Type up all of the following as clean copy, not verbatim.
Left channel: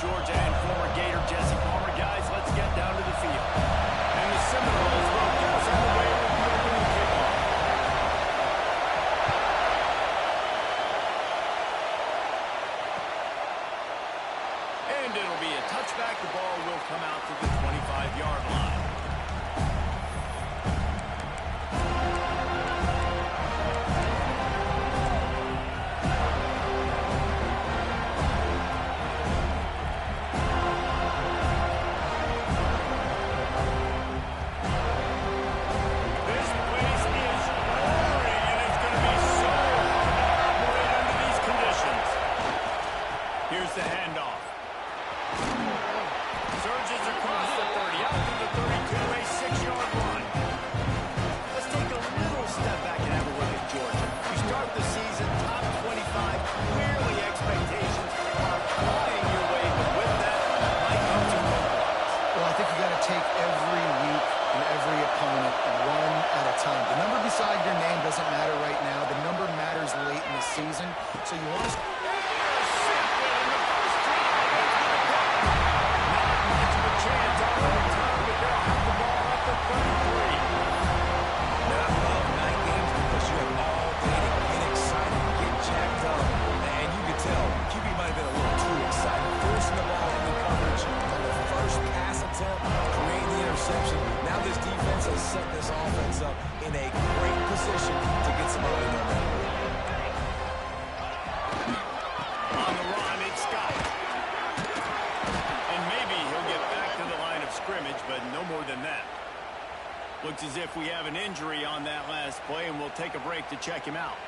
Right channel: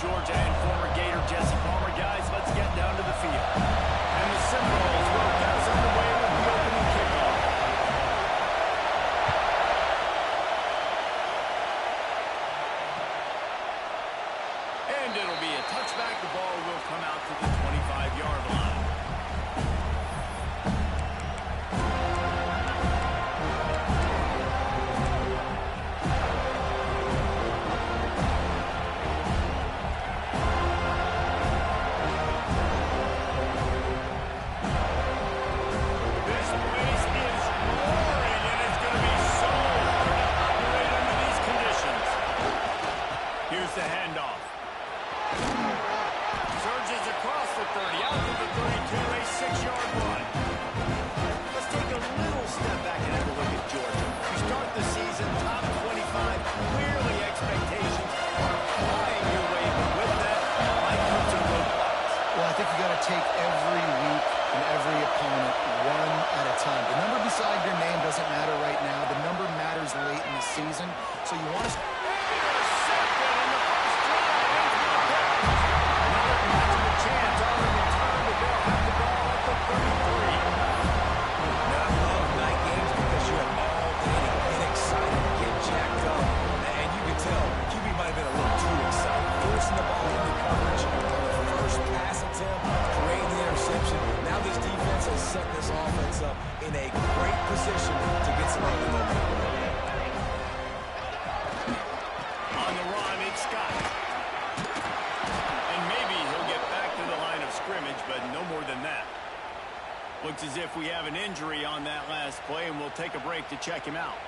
Georgia and former Gator Jesse Palmer. Guys, let's get down to the field. And the Seminoles will get us underway with the opening kickoff. And it'll be a touchback. The ball will come out to the 25-yard line. Here's the handoff. Surges across the 30, out to the 32, a 6-yard run. Let's take a little step back and have a look at Georgia. We start the season top 25. Clearly expectations are flying your way, but with that might come some roadblocks. Well, I think you got to take every week and every opponent one at a time. The number beside your name doesn't matter right now. The number matters late in the season. So you want to... Chance on the return, but they'll have the ball at the 33. Now, I love night games because you have all day to get excited, get jacked up. And you can tell, QB might have been a little too excited. Forcing the ball into coverage on the first pass attempt, creating the interception. Now this defense has set this offense up in a great position to get some early momentum. On the run, it's Scott. Scrimmage, but no more than that. Looks as if we have an injury on that last play, and we'll take a break to check him out.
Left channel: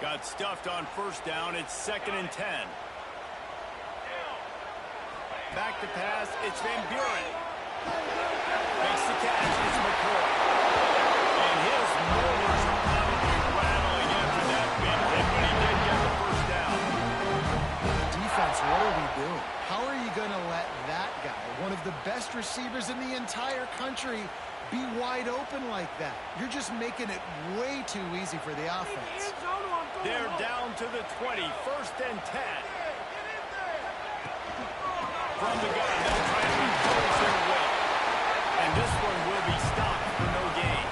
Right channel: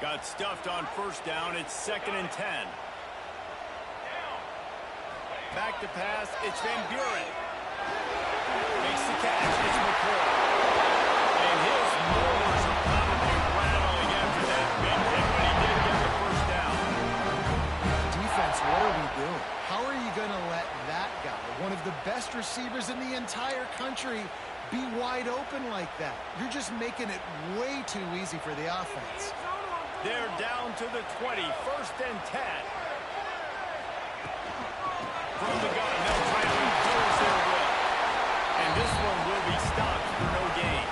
Got stuffed on first down. It's 2nd and 10. Back to pass. It's Van Buren. Makes the catch. It's McCoy. And his molars are probably rattling after that big hit, but he did get the first down. Defense, what are we doing? How are you going to let that guy, one of the best receivers in the entire country, be wide open like that? You're just making it way too easy for the offense. They're down to the 20, 1st and 10. From the gun, they'll try to impose their will. And this one will be stopped for no gain.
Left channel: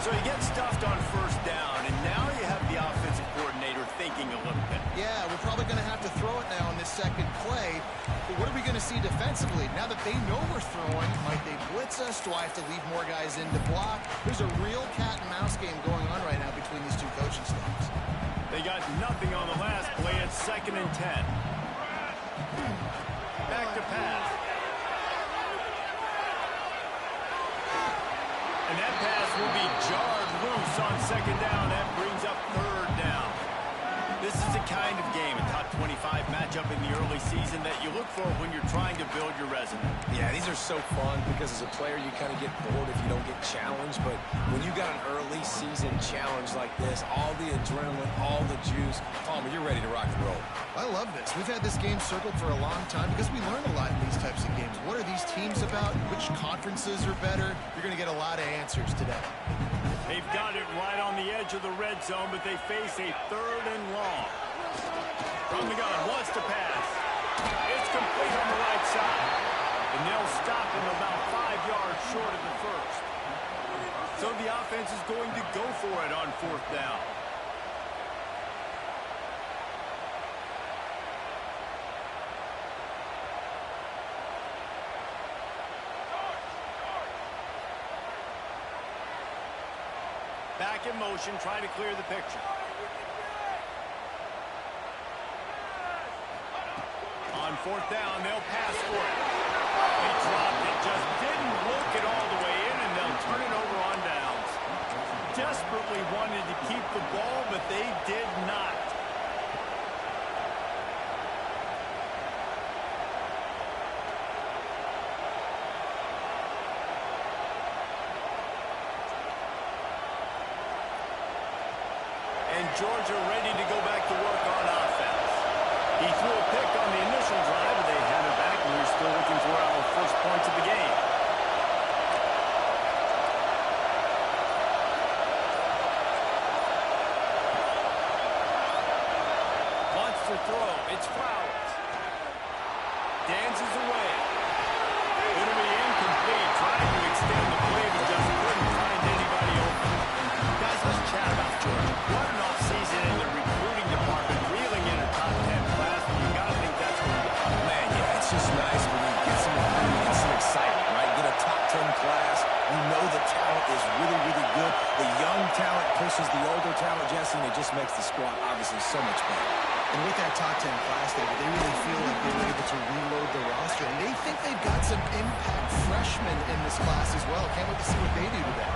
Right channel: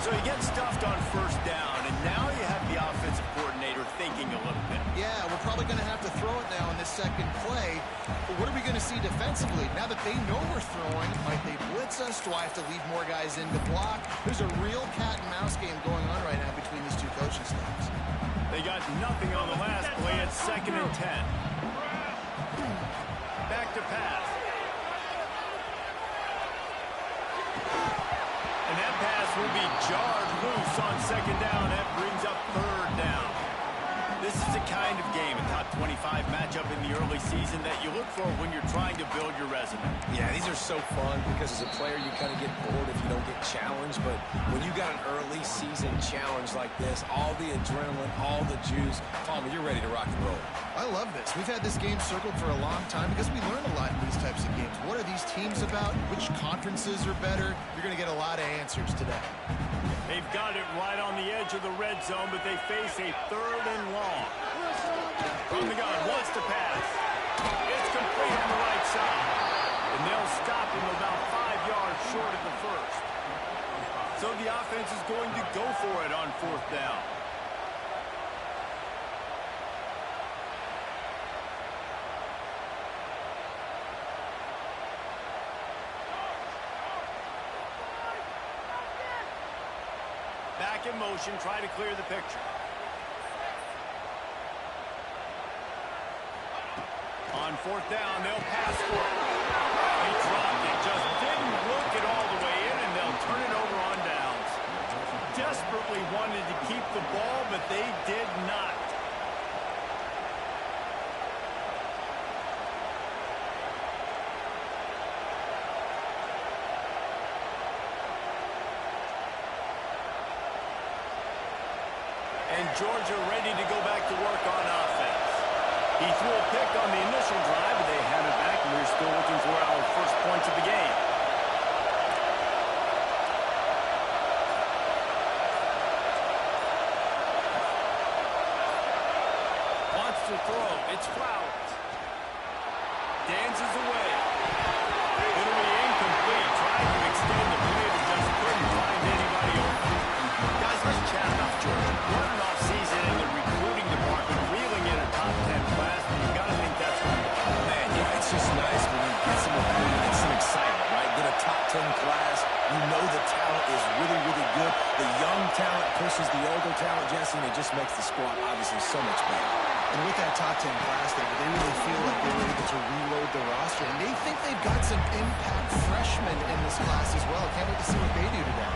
So he gets stuffed on first down, and now you have the offensive coordinator thinking a little bit. Yeah, we're probably going to have to throw it now in this second play. But what are we going to see defensively? Now that they know we're throwing, might they blitz us? Do I have to leave more guys in to block? There's a real cat and mouse game going on right now between these two coaching staffs. They got nothing on the last play. It's 2nd and 10. Back to pass. And that pass will be jarred loose on 2nd down. That brings up 3rd down. This is the kind of game, a top 25 matchup in the early season that you look for when you're trying to build your resume. Yeah, these are so fun because as a player you kind of get bored if you don't get challenged. But when you got an early season challenge like this, all the adrenaline, all the juice, Palmer, you're ready to rock and roll. I love this. We've had this game circled for a long time because we learn a lot in these types of games. What are these teams about? Which conferences are better? You're going to get a lot of answers today. They've got it right on the edge of the red zone, but they face a 3rd and long. From the gun, wants to pass. It's complete on the right side. And they'll stop him about 5 yards short of the first. So the offense is going to go for it on 4th down. Back in motion, try to clear the picture. On 4th down, they'll pass for it. They dropped it, just didn't look it all the way in, and they'll turn it over on downs. Desperately wanted to keep the ball, but they did not. And Georgia ready to go back to work on offense. He threw a pick on the initial drive, but they had it back, and we're still looking for our first points of the game. Wants to throw. It's Flowers. Dances away. It'll be incomplete. Tried to extend the play, but just couldn't find anybody open. Guys, let's chat about Georgia. What an offseason in the recruiting department, reeling in a top 10 class, and you got to think that's going to happen. Man, yeah, it's just nice when you get some recruiting and some excitement, right? Get a top 10 class. You know the talent is really, really good. The young talent pushes the older talent, Jesse, and it just makes the squad obviously so much better. And with that top 10 class, David, they really feel like they were able to reload the roster. And they think they've got some impact freshmen in this class as well. Can't wait to see what they do today.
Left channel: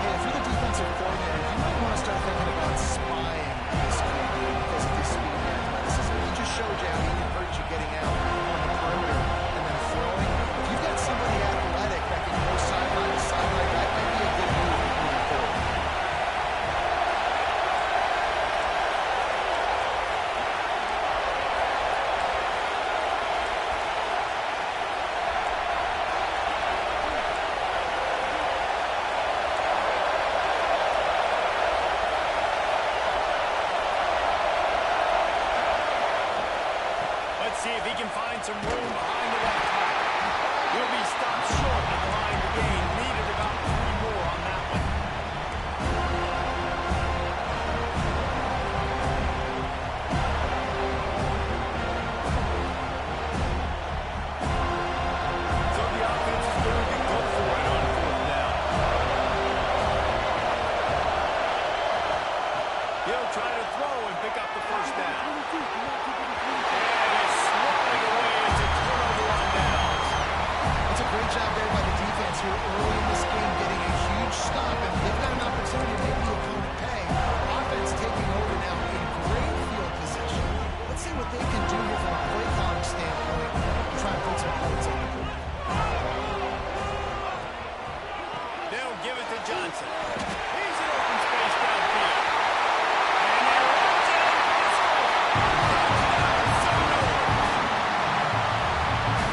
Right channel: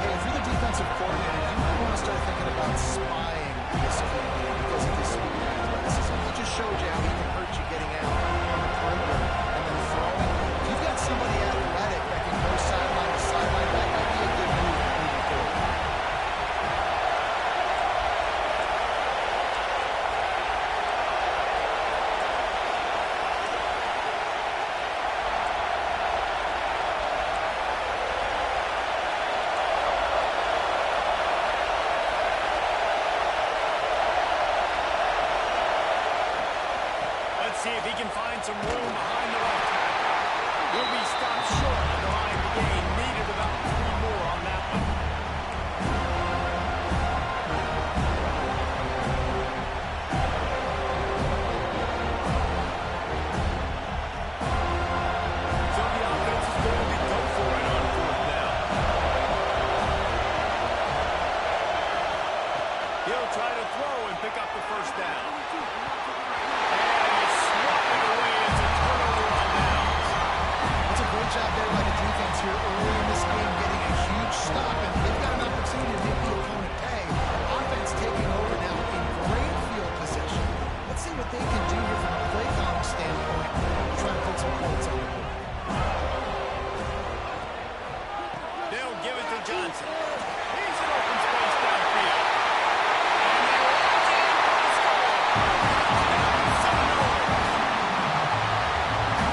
Hey, if you're the defensive coordinator, you might want to start thinking about spying this QB because of his speed and athleticism. He just showed you how he can hurt you getting out on the perimeter and then throwing. If you've got somebody athletic that can go sideline to sideline, that might be a good move moving forward. See if he can find some room behind the left tackle. He'll be stopped short of the line to gain. Needed about 3 more on that one. So the offense is going to go for it on 4th down. He'll try to throw and pick up the first down. Swatted away. It's a turnover on downs. That's a great job there by the defense here early in this game, getting a huge stop, and they've got an opportunity to make the opponent pay. Offense taking over now in great field position. Let's see what they can do here from a play calling standpoint to try and put some points on the board. They'll give it to Johnson. He's in open space downfield. And he runs in for a score. Touchdown, 7-0.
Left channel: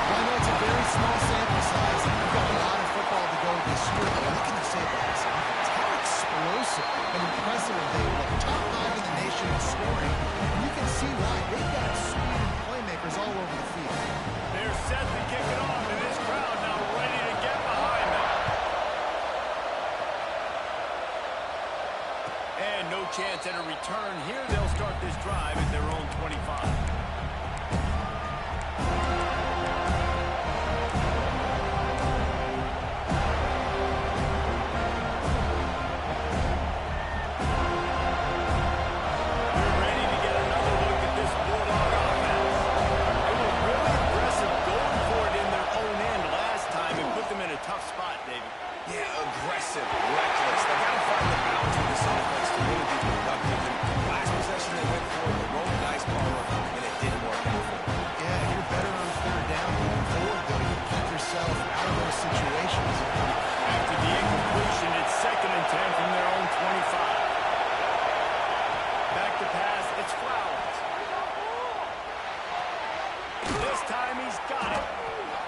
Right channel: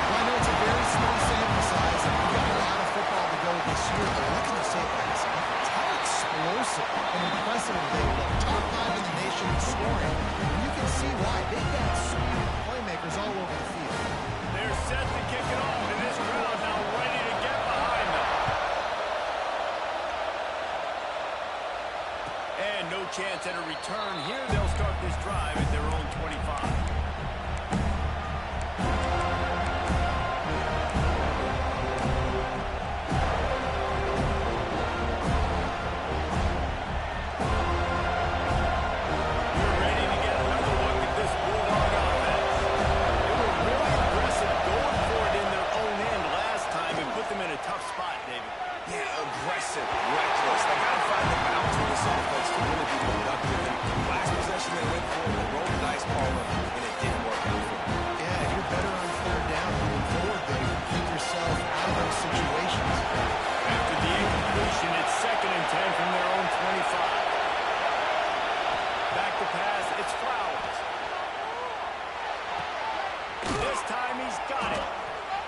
Well, I know it's a very small sample size, and we've got a lot of football to go this year, but what can you say about this offense? How explosive and impressive they look. Top 5 in the nation in scoring, and you can see why. They've got speed and playmakers all over the field. They're set to kick it off, and this crowd now ready to get behind them. And no chance at a return here. They'll start this drive at their own 25. Tough spot, David. Yeah, aggressive, reckless. They got to find the balance with this offense to really be productive. And last possession they went for, they rolled the dice, Palmer, and it didn't work out for them. Yeah, if you're better on 3rd down moving forward, though, you keep yourself out of those situations. After the incompletion, it's 2nd and 10 from their own 25. Back to pass, it's Flowers. This time he's got it.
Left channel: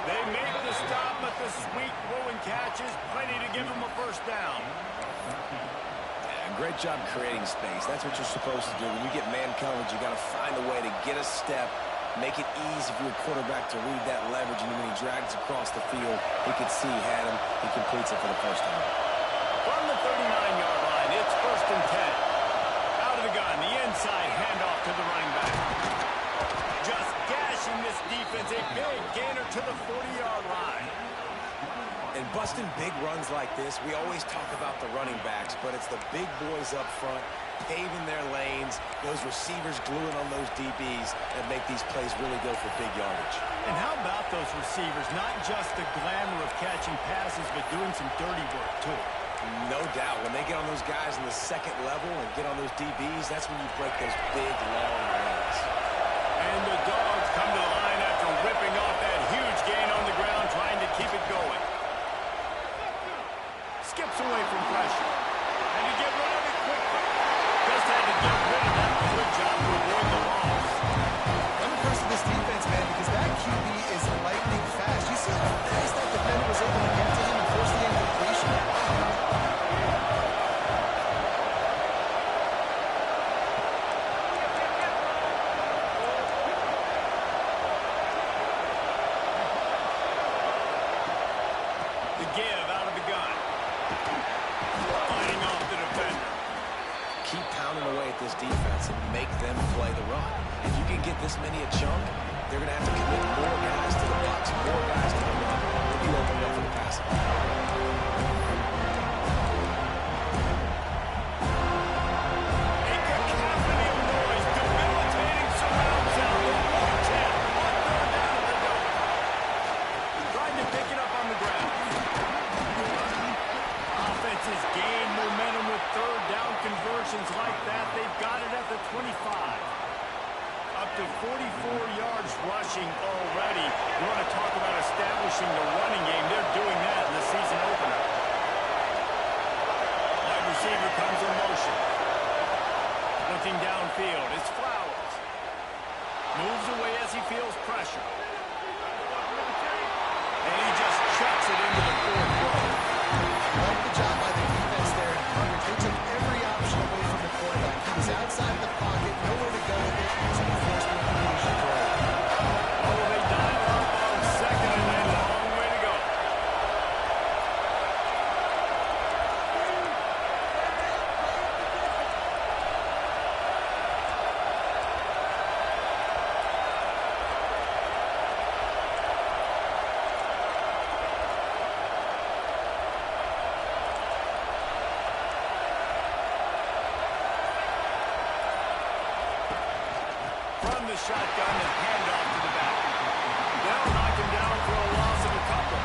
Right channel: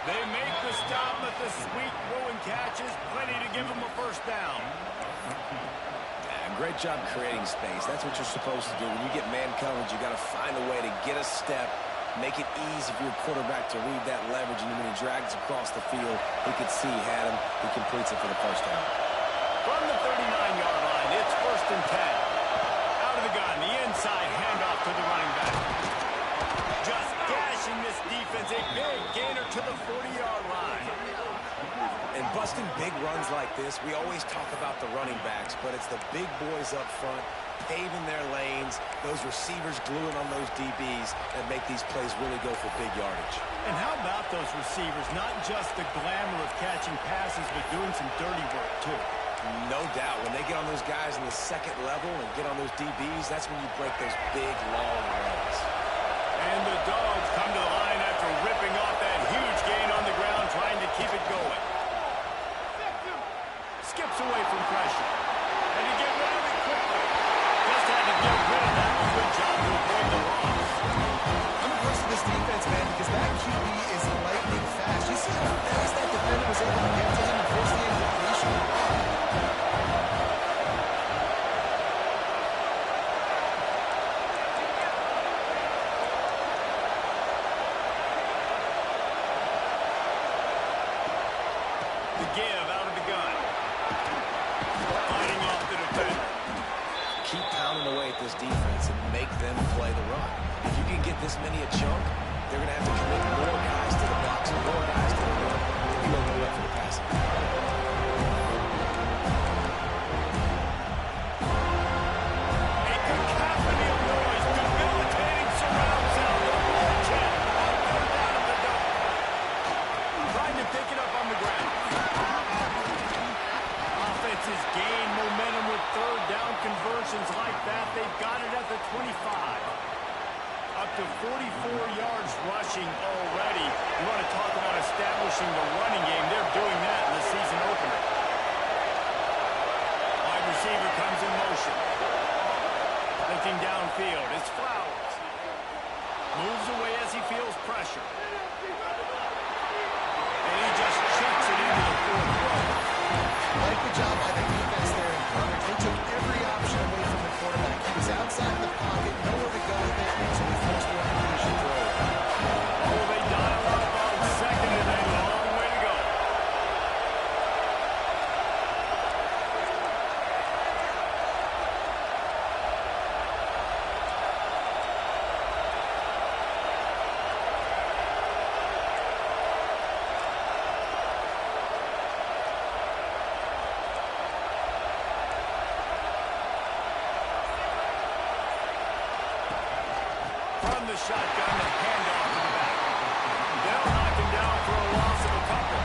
They make the stop, but the sweet throw and catch is plenty to give them a first down. Yeah, great job creating space. That's what you're supposed to do. When you get man coverage, you got to find a way to get a step, make it easy for your quarterback to read that leverage, and when he drags across the field, he could see he had him. He completes it for the first down. From the 39-yard line, it's 1st and 10. Out of the gun, the inside handoff to the running back. Just gashing this defense, a big gainer to the 40-yard line. And busting big runs like this, we always talk about the running backs, but it's the big boys up front, paving their lanes, those receivers gluing on those DBs that make these plays really go for big yardage. And how about those receivers? Not just the glamour of catching passes, but doing some dirty work, too. No doubt. When they get on those guys in the 2nd level and get on those DBs, that's when you break those big, long runs. And the Dogs come to the line after ripping off that huge gain on the ground, trying to keep it going. Skips away from pressure. And to get rid of it quickly. Just had to get rid of that. Good job to avoid the loss. I'm impressed with this defense, man, because that QB is lightning fast. You see how fast that defender was able to get to him and force the incompletion? The give out of the gun. Fighting off the defender. Keep pounding away at this defense and make them play the run. If you can get this many a chunk, they're going to have to commit more guys to the box, more guys to the run. Then you open it up for the passing. A cacophony of noise, debilitating surround sound. The war chant on third down at the dome. Trying to pick it up on the ground. Offenses gain momentum with third down conversions like that. They've got it at the 25. Up to 44 yards rushing already. You want to talk about establishing the running game. They're doing that in the season opener. Wide receiver comes in motion. Looking downfield. It's Flowers. Moves away as he feels pressure. And he just chucks it into the fourth row. Like the job by the defense there in coverage. They took every option away from the quarterback. He was outside the pocket, nowhere to go with it, so he forced the incompletion throw. Oh, they dial up on second and a long way to go. From the shotgun, the handoff to the back. They'll knock him down for a loss of a couple.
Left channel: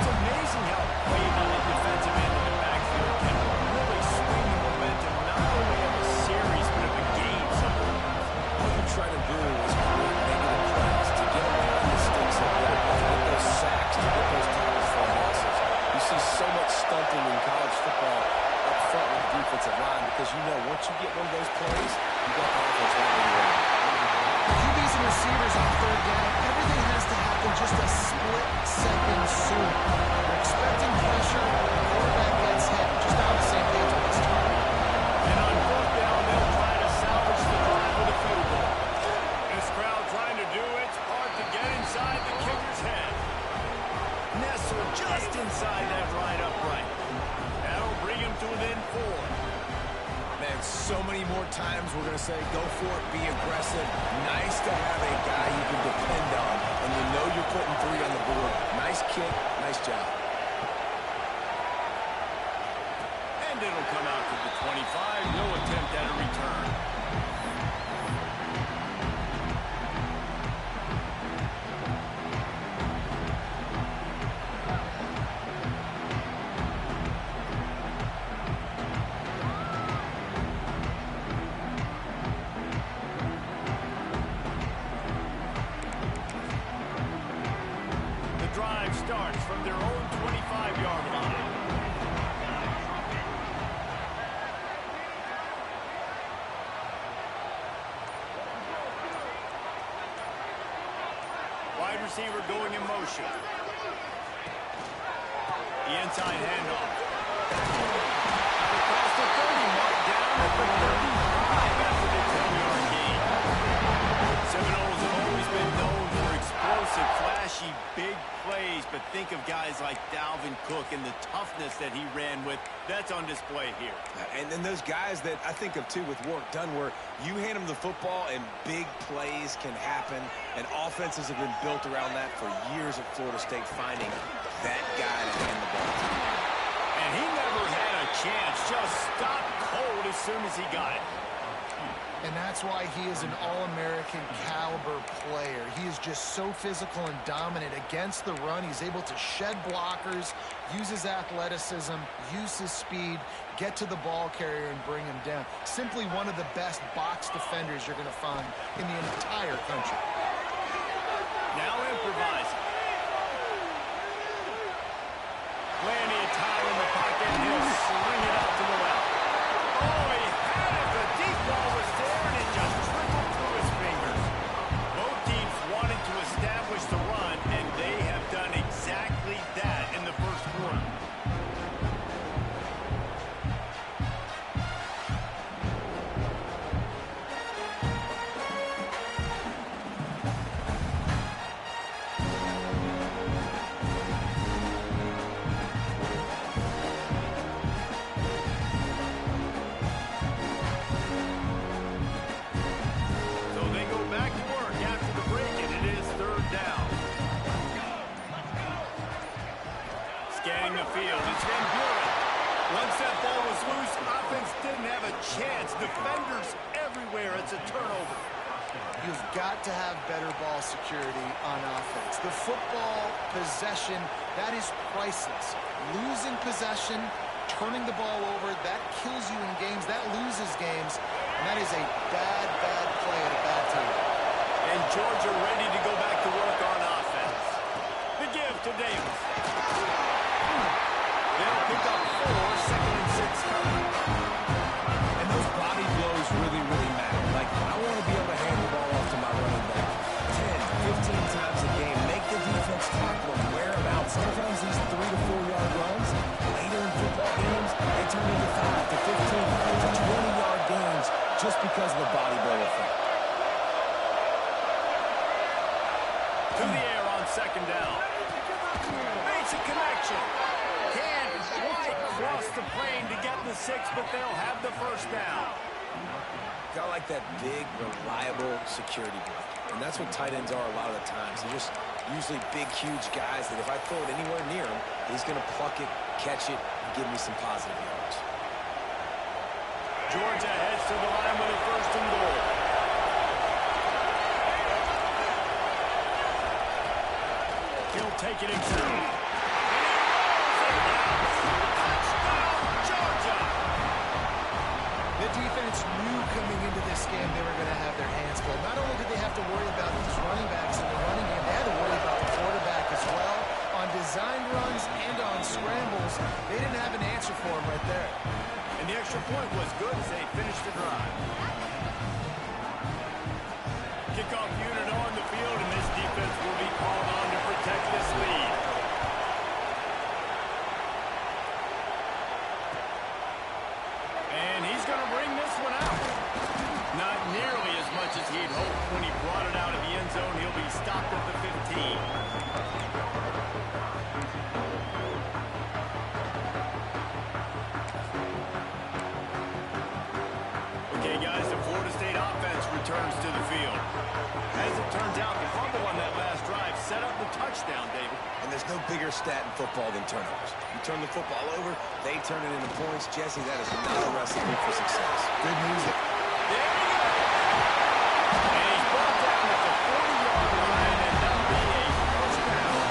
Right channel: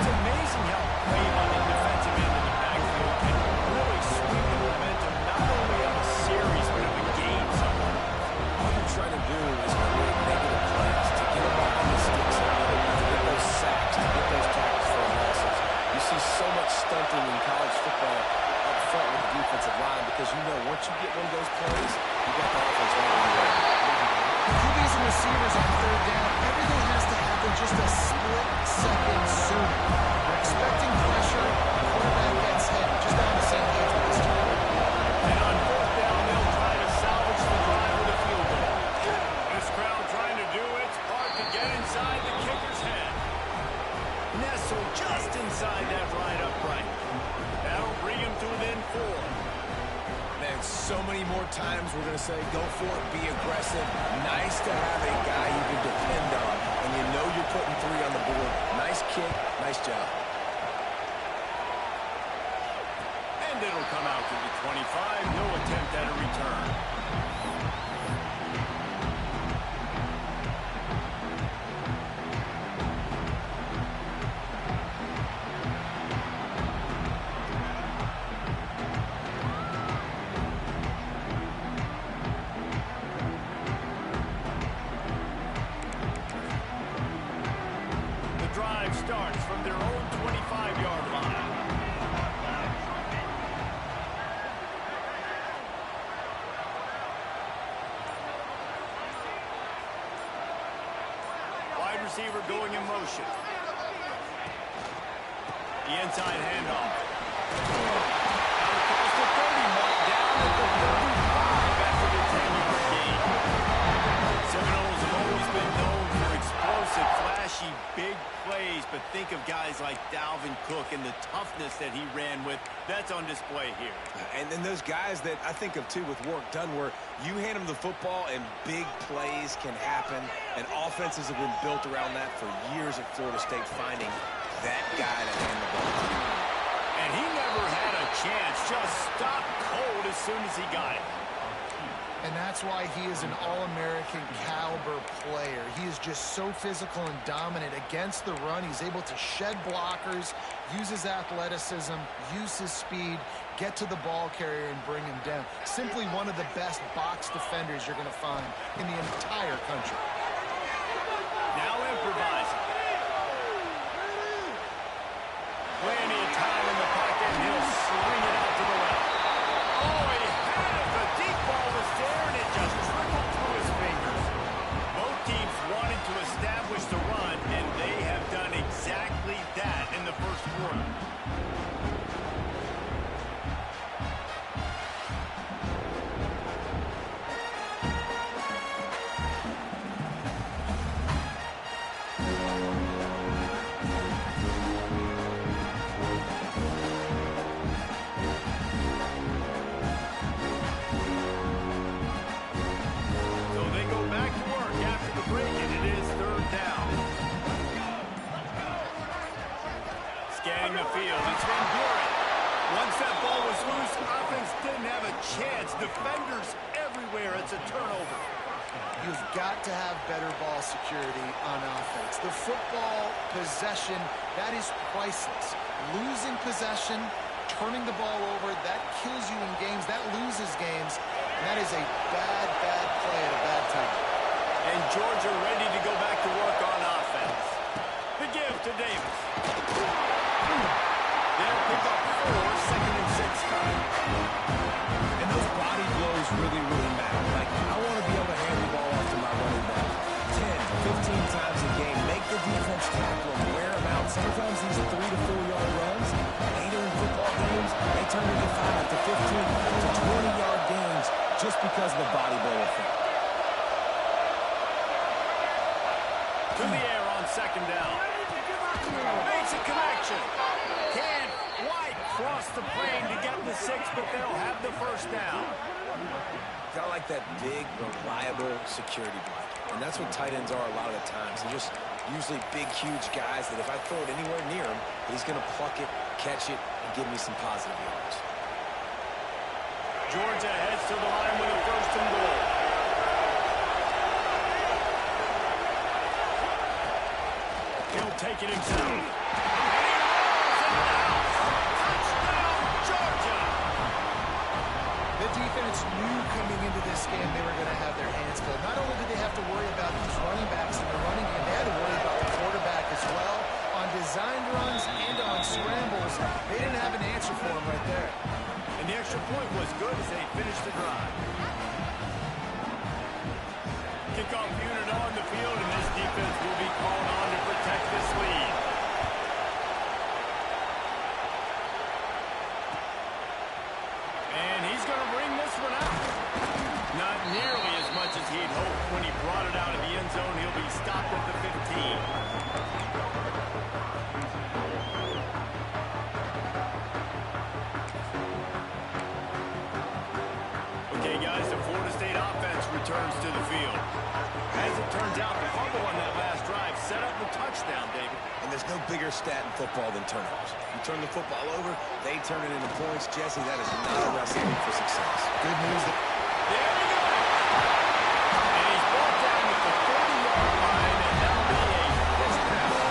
It's amazing how play on the defensive end of the backfield can really swing the momentum not only of a series, but of a game sometimes. All you're trying to do is create negative plays to get them behind the sticks a little bit, to get those sacks, to get those tackles for losses. You see so much stunting in college football up front with the defensive line because you know once you get one of those plays, you got the offense right where you want. QBs and receivers on third down, everything has to happen just a split second sooner. They're expecting pressure, the quarterback gets hit. Just on the same page with this time. And on fourth down, they'll try to salvage the drive with a field goal. This crowd trying to do its part to get inside the kicker's head. Nestled just inside that right upright. That'll bring him to within 4. Man, so many more times we're going to say go for it, be aggressive. Nice to have a guy you can depend on when you know you're putting 3 on the board. Nice kick, nice job. And it'll come out to the 25. No attempt at a return. Drive starts from their own 25-yard line. Wide receiver going in motion. The inside handoff. Out across the 30, marked down at the 35 after the 10-yard gain. Seminoles have always been known for explosive, flashy, big plays, but think of guys like Dalvin Cook and the toughness that he ran with. That's on display here. And then those guys that I think of, too, with Warrick Dunn, where you hand them the football and big plays can happen, and offenses have been built around that for years at Florida State, finding that guy to hand the ball to. And he never had a chance, just stopped cold as soon as he got it. And that's why he is an All-American caliber player. He is just so physical and dominant against the run. He's able to shed blockers, use his athleticism, use his speed, get to the ball carrier and bring him down. Simply one of the best box defenders you're going to find in the entire country. Now improvising. Plenty of time in the pocket, and he'll swing it out to the left. Oh, he had it. The deep ball was there, and it just trickled through his fingers. Scanning the field, it's Van Buren. Once that ball was loose, offense didn't have a chance. Defenders everywhere. It's a turnover. You've got to have better ball security on offense. The football possession, that is priceless. Losing possession, turning the ball over, that kills you in games. That loses games. And that is a bad, bad play at a bad time. And Georgia ready to go back to work on offense. The give to Davis. They'll pick up 4, 2nd and 6 coming. And those body blows really, really matter. Like, I want to be able to hand the ball off to my running back 10, 15 times a game. Make the defense tackle them, wear them out. Sometimes these 3 to 4 yard runs, later in football games, they turn into 5 to 15 to 20-yard gains just because of the body blow effect. To the air on 2nd down. Makes a connection. Can't quite cross the plane to get the 6, but they'll have the 1st down. Got like that big, reliable security blanket. And that's what tight ends are a lot of the times. They're just usually big, huge guys that if I throw it anywhere near him, he's going to pluck it, catch it, and give me some positive yards. Georgia heads to the line with a 1st and goal. He'll take it himself. And he rolls into the house. Touchdown, Georgia! The defense knew coming into this game they were going to have their hands full. Not only did they have to worry about these running backs in the running game, they had to worry about the quarterback as well. On designed runs and on scrambles, they didn't have an answer for him right there. And the extra point was good as they finished the drive. Kickoff unit on the field, and this defense will be called on to protect this lead. And he's going to bring this one out. Not nearly as much as he'd hoped when he brought it out of the end zone. He'll be stopped at the 15. Okay, guys, the Florida State offense returns to the field. As it turns out, the fumble on that last drive set up the touchdown, David. And there's no bigger stat in football than turnovers. You turn the football over, they turn it into points. Jesse, that is not a recipe for success. Good news. There he goes. And he's brought down at the 40-yard line, and that'll be a 1st down.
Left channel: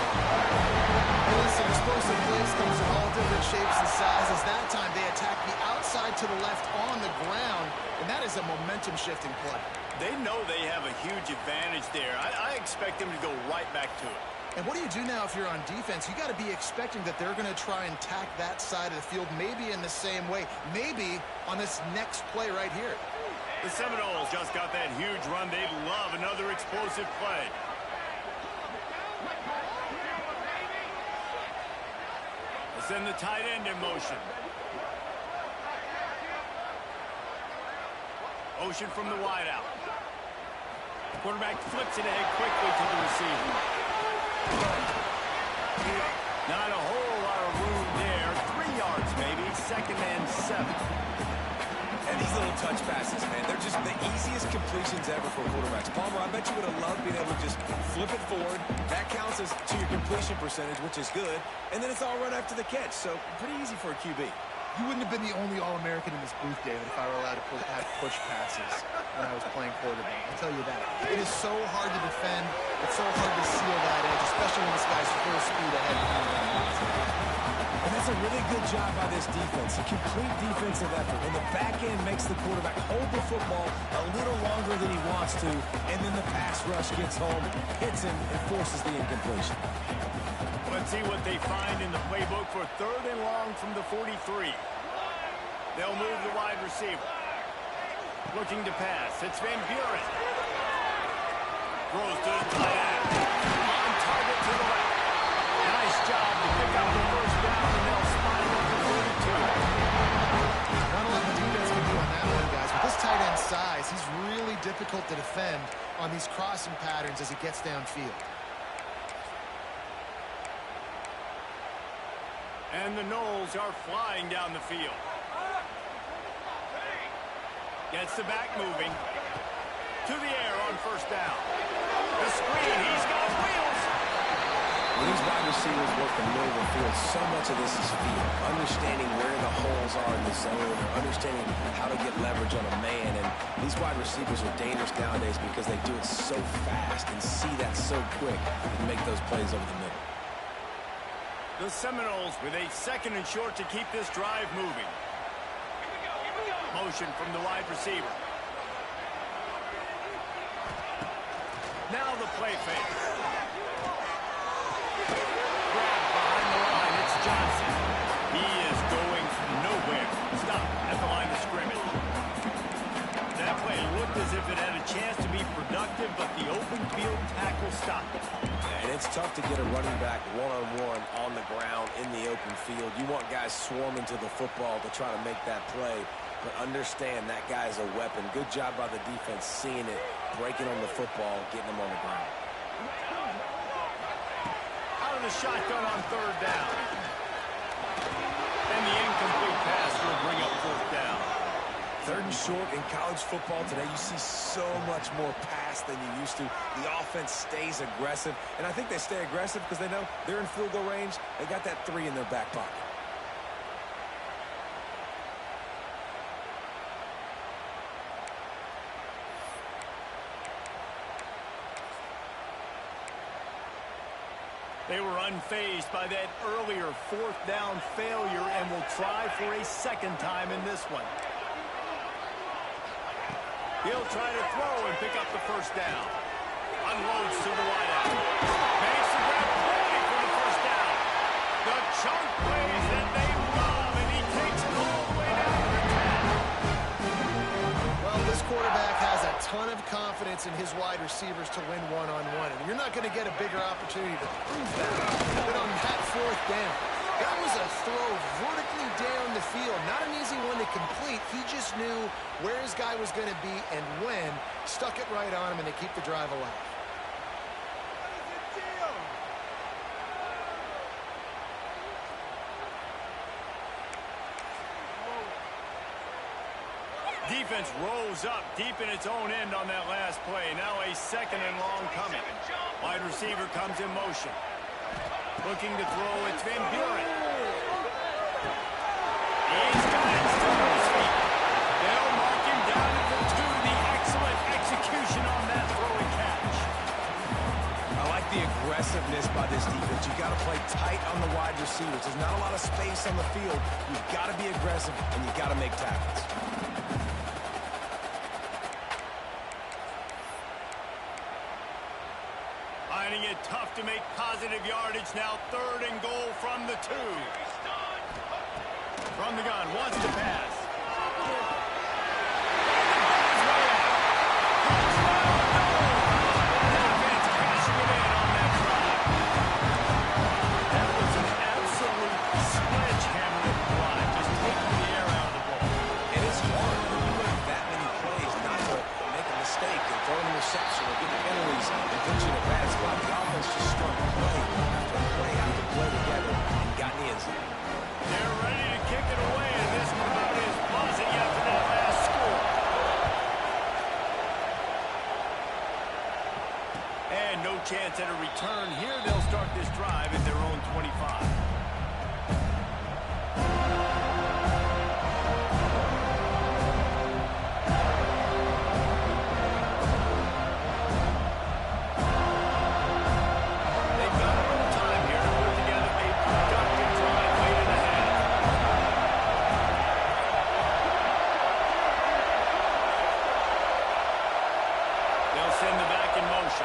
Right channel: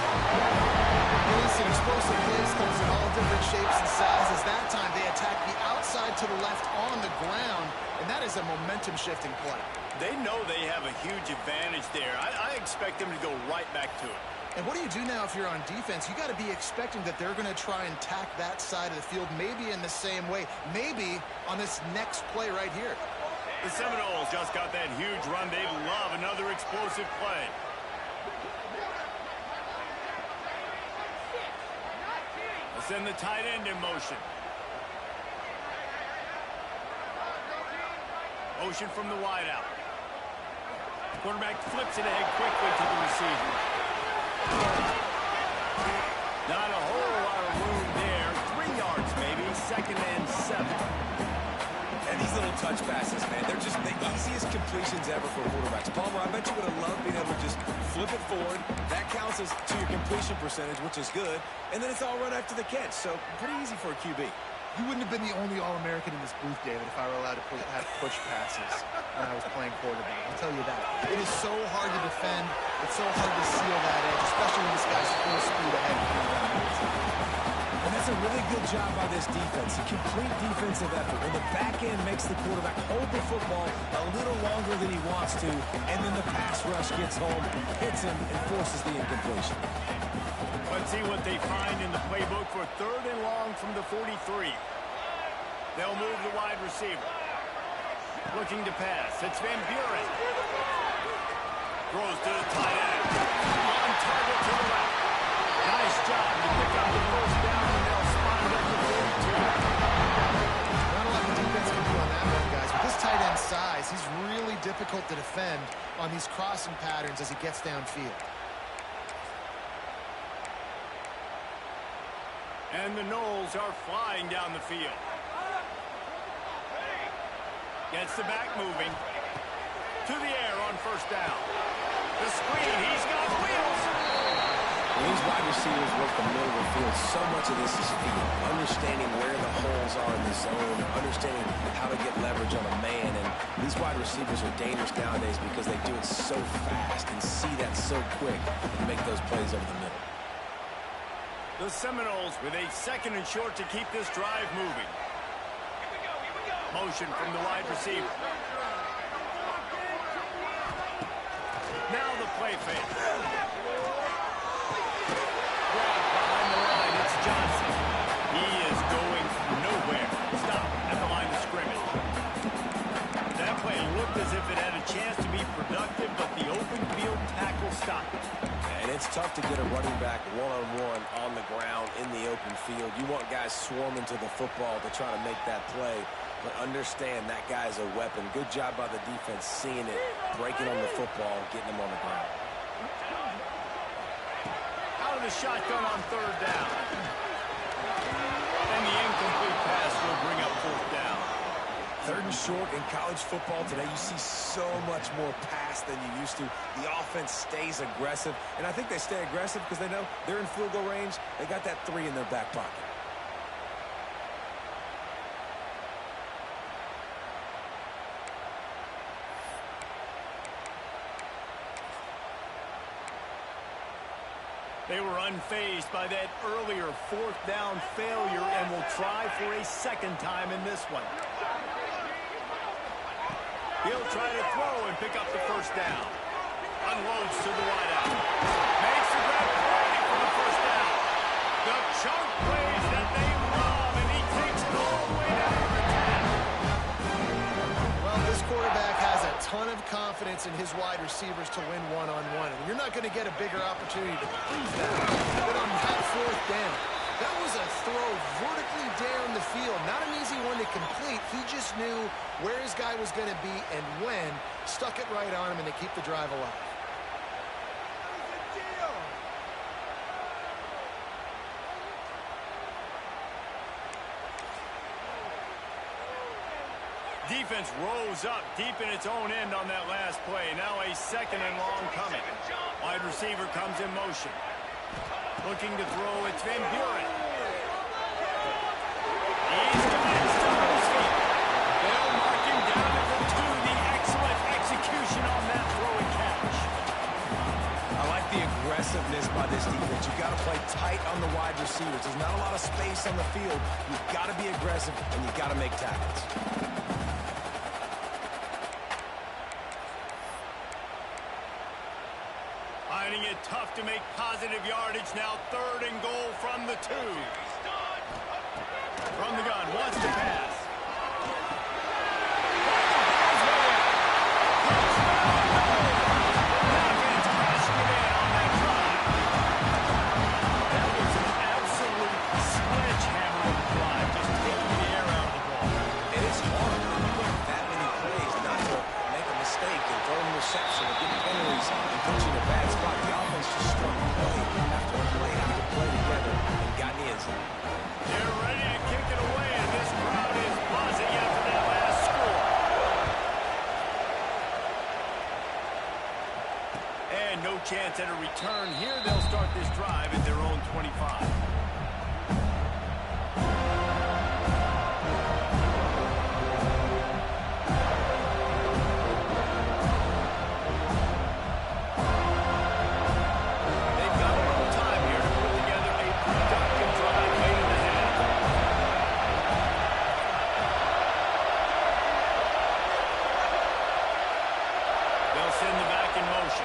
Hey, listen, explosive plays comes in all different shapes and sizes. That time they attack the outside to the left on the ground, and that is a momentum-shifting play. They know they have a huge advantage there. I expect them to go right back to it. And what do you do now if you're on defense? You got to be expecting that they're going to try and tack that side of the field, maybe in the same way, maybe on this next play right here. The Seminoles just got that huge run. They love another explosive play. They'll send the tight end in motion. Motion from the wideout. Quarterback flips it ahead quickly to the receiver. Not a whole lot of room there. 3 yards maybe. 2nd and 7. And these little touch passes, man, they're just the easiest completions ever for quarterbacks. Palmer, I bet you would have loved being able to just flip it forward. That counts as to your completion percentage, which is good. And then it's all right after the catch. So pretty easy for a QB. You wouldn't have been the only All-American in this booth, David, if I were allowed to have push passes when I was playing quarterback. I'll tell you that. It is so hard to defend. It's so hard to seal that edge, especially when this guy's full speed ahead. And that's a really good job by this defense. A complete defensive effort. When the back end makes the quarterback hold the football a little longer than he wants to, and then the pass rush gets home, hits him, and forces the incompletion. Let's see what they find in the playbook for 3rd and long from the 43. They'll move the wide receiver. Looking to pass. It's Van Buren. Throws to the tight end. On target to the left. Nice job to pick up the 1st down, and they'll spot it at the 42. Not a lot the defense can do on that one, guys. With this tight end size, he's really difficult to defend on these crossing patterns as he gets downfield. And the Noles are flying down the field. Gets the back moving. To the air on 1st down. The screen, he's got wheels. When these wide receivers work the middle of the field, so much of this is feel. Understanding where the holes are in the zone, or understanding how to get leverage on a man. And these wide receivers are dangerous nowadays because they do it so fast and see that so quick and make those plays over the middle. The Seminoles with a 2nd and short to keep this drive moving. Here we go. Motion from the wide receiver. Now the play fake. Grab behind the line. It's Johnson. He is going nowhere. Stop at the line of scrimmage. That play looked as if it had a chance to be productive, but the open field tackle stopped it. And it's tough to get a running back one-on-one on the ground in the open field. You want guys swarming to the football to try to make that play, but understand that guy's a weapon. Good job by the defense seeing it, breaking on the football, getting him on the ground. Out of the shotgun on 3rd down. And the incomplete pass will bring up 4th down. 3rd and short in college football today, you see so much more pass than you used to. The offense stays aggressive, and I think they stay aggressive because they know they're in field goal range. They got that 3 in their back pocket. They were unfazed by that earlier 4th down failure and will try for a 2nd time in this one. He'll try to throw and pick up the 1st down. Unloads to the wideout. Makes the grab plenty for the 1st down. The chunk plays that they love, and he takes it all the way down to the 10. Well, this quarterback has a ton of confidence in his wide receivers to win one-on-one, and you're not going to get a bigger opportunity to prove that than on that 4th down. That was a throw vertically down the field. Not an easy one to complete. He just knew where his guy was going to be and when. Stuck it right on him, and they keep the drive alive. Defense rose up deep in its own end on that last play. Now a 2nd and long coming. Wide receiver comes in motion. Looking to throw, it's Van Buren. He's got it still on his feet. They'll mark him down at the 2. The excellent execution on that throw and catch. I like the aggressiveness by this defense. You've got to play tight on the wide receivers. There's not a lot of space on the field. You've got to be aggressive, and you've got to make tackles. Finding it tough to make positive yardage now. 3rd and goal from the 2. From the gun, wants to pass. Touchdown, no! Defense cashing it in on that drive. That was an absolute sledgehammer of a drive, just taking the air out of the ball. And it's hard when you run that many plays not to make a mistake and throw an interception or get penalties and put you in a bad spot. The offense just strung play after play after play together and got in the end zone. They're ready to kick it away, and this crowd is buzzing after that last score. And no chance at a return here. They'll start this drive at their own 25. Send the back in motion.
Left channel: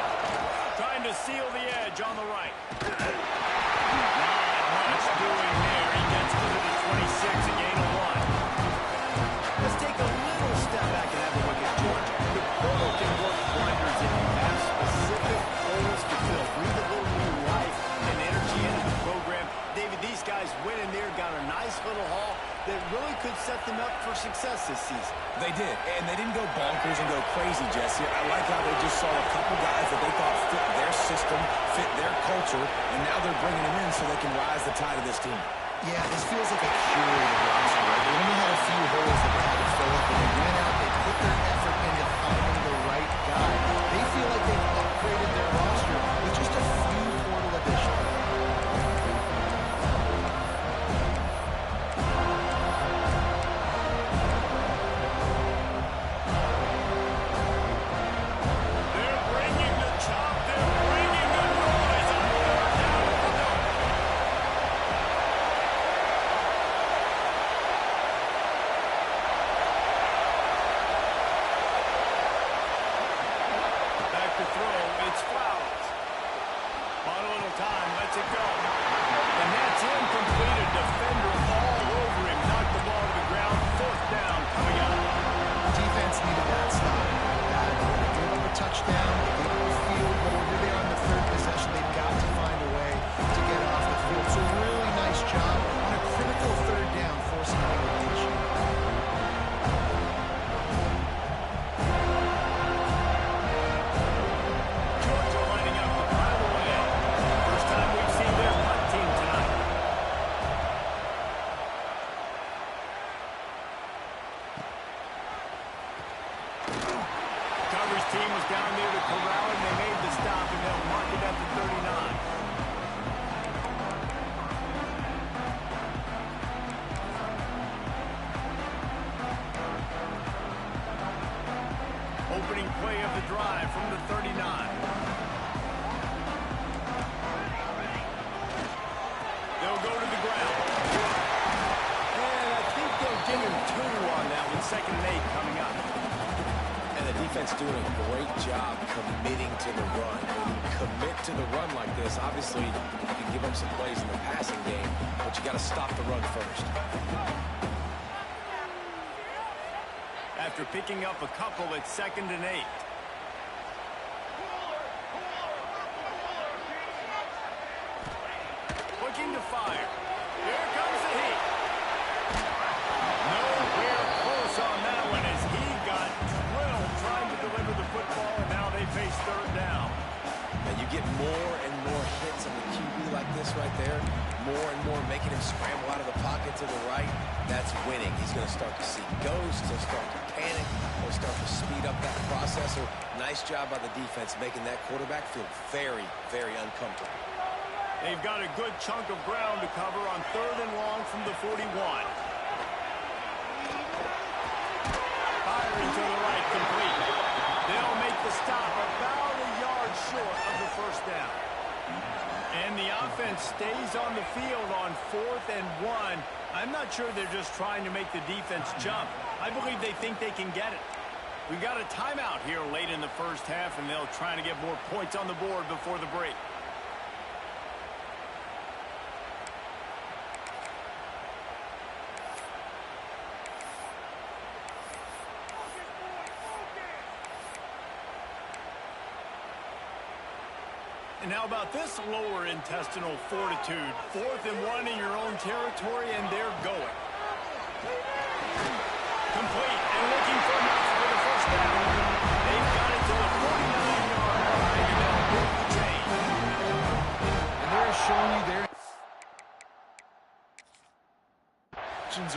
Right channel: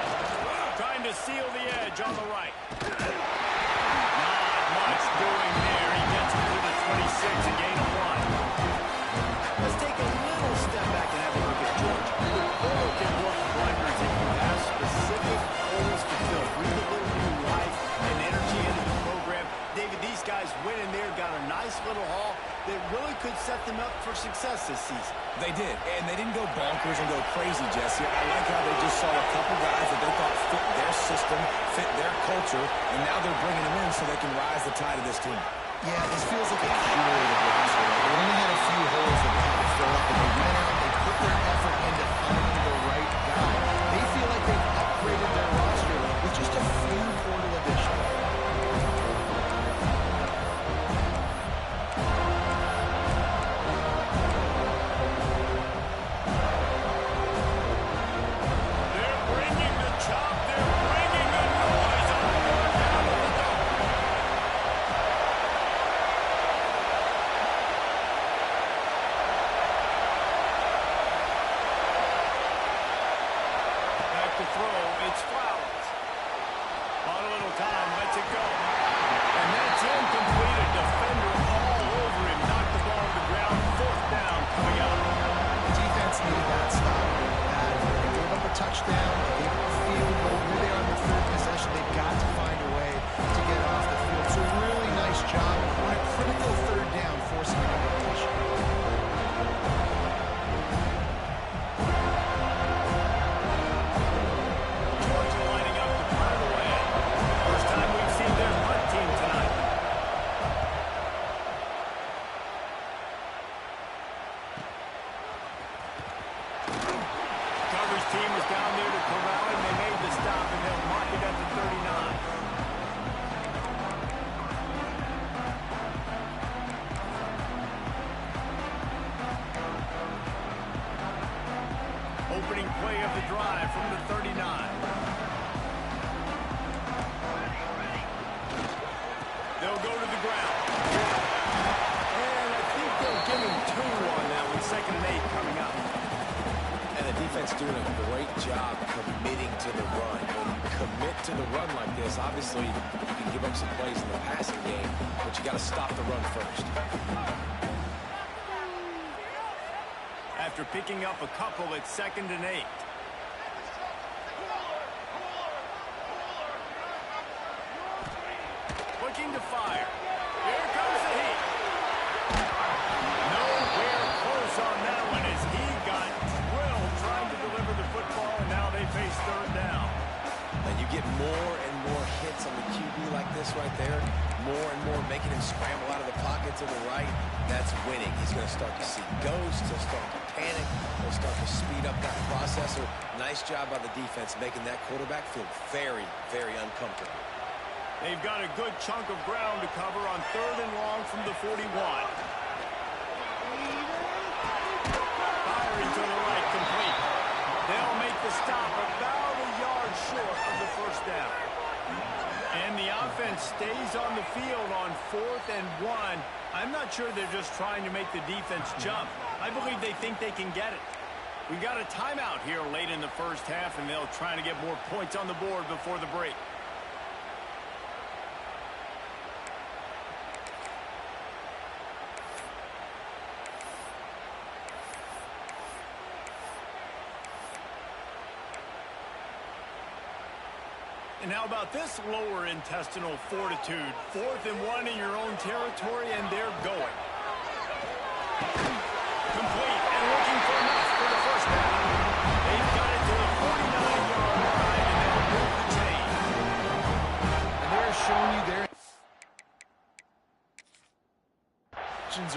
Trying to seal the edge on the right. Not much doing there. He gets it to the 26, a gain of 1. Let's take a little step back and have a look at Georgia. The portal can work wonders if you have specific holes to fill. Breathe a little new life and energy into the program. David, these guys went in there, got a nice little haul that really could set them up for success this season. They did, and they didn't go bonkers and go crazy, Jesse. I like how they just saw a couple guys that they thought fit their system, fit their culture, and now they're bringing them in so they can rise the tide of this team. Yeah, this feels like a curated roster, right? They only had a few holes that they had to fill up, and they went out, they put their effort into finding the right guy. They feel like they've upgraded their roster with just a few portal additions. lets it go. And that's incomplete. A defender all over him. Knocked the ball to the ground. Fourth down coming up. Defense needed that stop badly. They gave up a touchdown. They gave up a field goal. Here they are on the third possession. They've got to find a way to get off the field. So really nice job on a critical third down, forcing an invitation. Georgia lining up to punt away. First time we've seen their punt team tonight. Coverage team was down there to corral him. They made the stop, and they'll mark it at the 39. Opening play of the drive from the 39. They'll go to the ground. And I think they'll give him 2 on that one. 2nd and 8 coming up. And the defense doing a great job committing to the run. When you commit to the run like this, obviously you can give up some plays in the passing game, but you got to stop the run first. After picking up a couple, it's 2nd and 8. Looking to fire. Here comes the heat. Nowhere close on that one as he got drilled trying to deliver the football, and now they face 3rd down. And you get more and more hits on the QB like this right there, more and more making him scramble out of the pocket to the right. That's winning. He's going to start to see ghosts. He'll start to panic. He'll start to speed up that processor. Nice job by the defense making that quarterback feel very, very uncomfortable. They've got a good chunk of ground to cover on 3rd and long from the 41. Firing to the right, complete. They'll make the stop about a yard short of the 1st down. And the offense stays on the field on 4th and 1. I'm not sure they're just trying to make the defense jump. I believe they think they can get it. We got a timeout here late in the 1st half, and they'll try to get more points on the board before the break. And how about this lower intestinal fortitude? 4th and 1 in your own territory, and they're going. Complete and looking for enough for the 1st down. They've got it to the 49-yard line, and they'll move the chain. And they're showing you their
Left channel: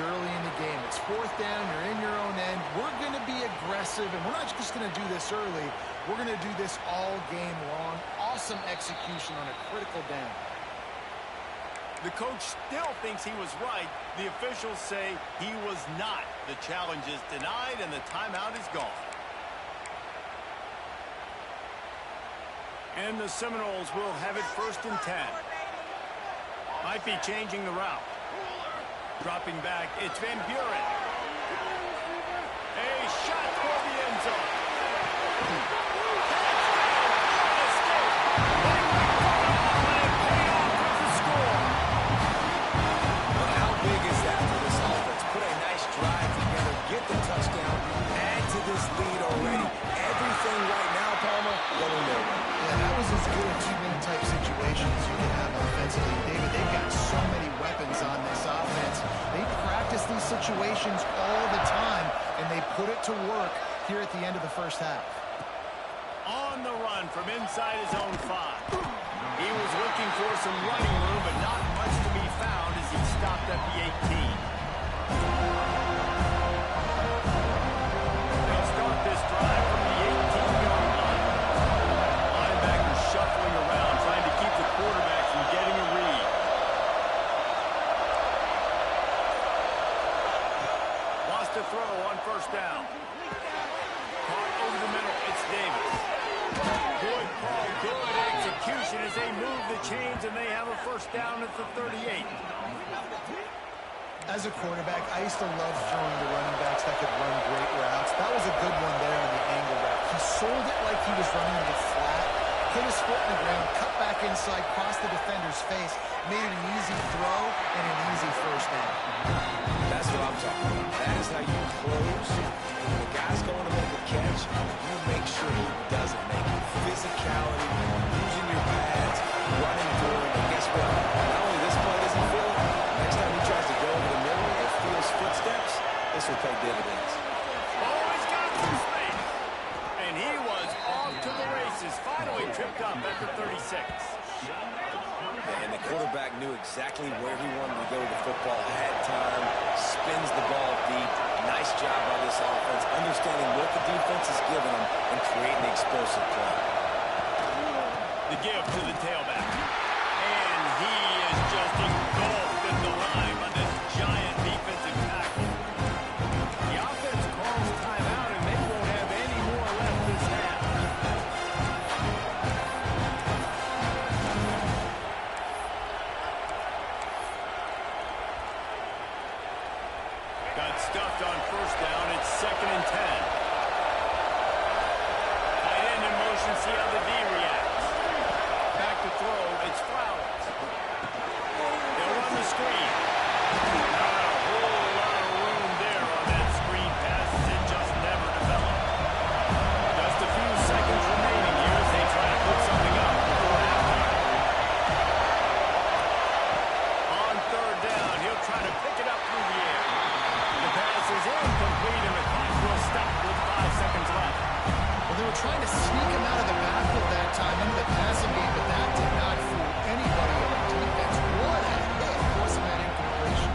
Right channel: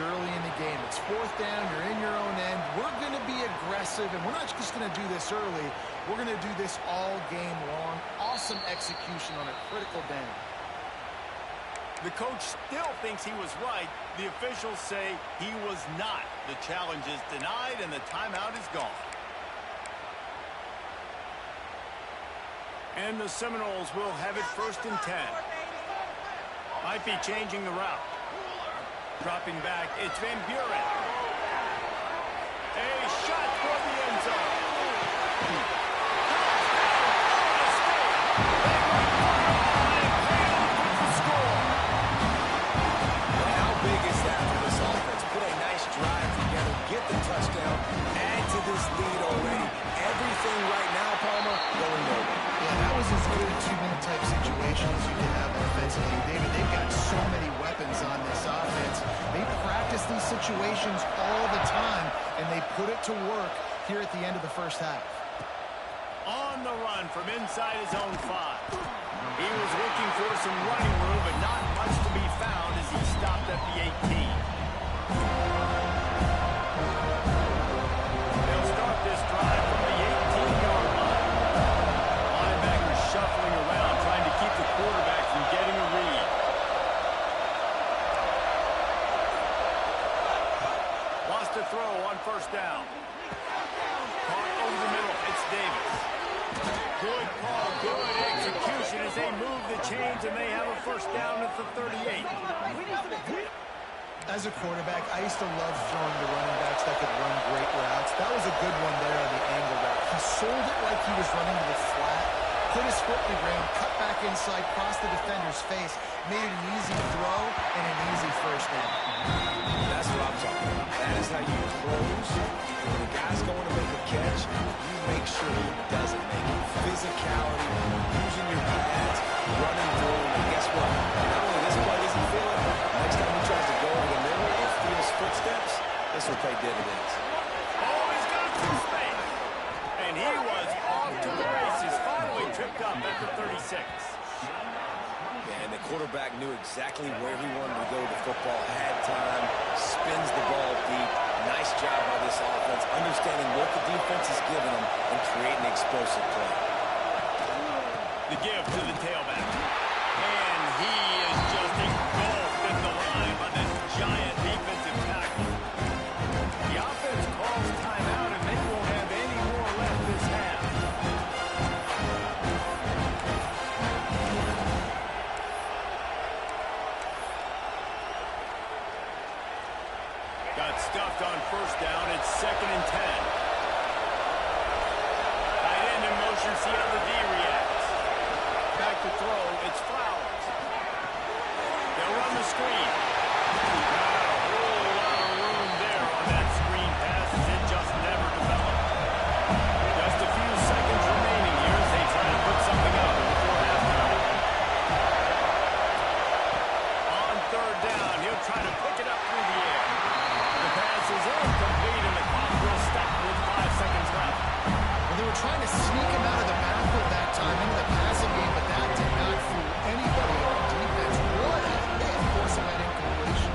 early in the game. It's 4th down. You're in your own end. We're going to be aggressive, and we're not just going to do this early. We're going to do this all game long. Awesome execution on a critical down. The coach still thinks he was right. The officials say he was not. The challenge is denied, and the timeout is gone. And the Seminoles will have it 1st and 10. Might be changing the route. Dropping back, it's Van Buren. A shot toward the end zone. Touchdown, Florida State. They went for it all, and it paid off with the score. But how big is that for this offense? Put a nice drive together, get the touchdown, add to this lead already. Everything right now, Palmer, going their way. Yeah, that was as good a 2-minute type situation as you can have offensively. David, they've got so many weapons on this offense. They practice these situations all the time, and they put it to work here at the end of the 1st half. On the run from inside his own 5. He was looking for some running room, but not much to be found as he stopped at the 18. They'll start this drive from the 18-yard line. Linebackers shuffling around, trying to keep the quarterback from getting a read. Lost a throw on 1st down. Caught over the middle. It's Davis. Good call, good execution as they move the chains, and they have a 1st down at the 38. As a quarterback, I used to love throwing to running backs that could run great routes. That was a good one there on the angle route. He sold it like he was running to the flat, put his foot in the ground, cut back inside, crossed the defender's face, made it an easy throw and an easy first down. That's what I'm talking about. That is how you close. When a guy's going to make a catch, you make sure he doesn't make it. Physicality, using your pads, running through him, and guess what? Not only this play doesn't feel it, next time he tries to go over the middle or feels footsteps, this will pay dividends. Oh, he's got some space. And he was off to the races. Finally tripped up after 36. And the quarterback knew exactly where he wanted to go with the football, had time, spins the ball deep. Nice job by this offense, understanding what the defense is giving them and creating the explosive play. The give to the tailback. And he is just engulfed at the line by this giant defensive tackle. The offense calls timeout, and they won't have any more left this half. Got stuffed on first down. It's 2nd and 10. Tight end in motion. See how the D reacts. Back to throw. It's Flowers. They'll run the screen. Not a whole lot of room there on that screen pass as it just never developed. Just a few seconds remaining here as they try to put something up before halftime. On 3rd down, he'll try to pick it up through the air. The pass is incomplete, and the clock will stop with 5 seconds left. Well, they were trying to sneak him out of the backfield that time into the passing game, but that did not fool anybody on defense. What a hit, forcing that incompletion.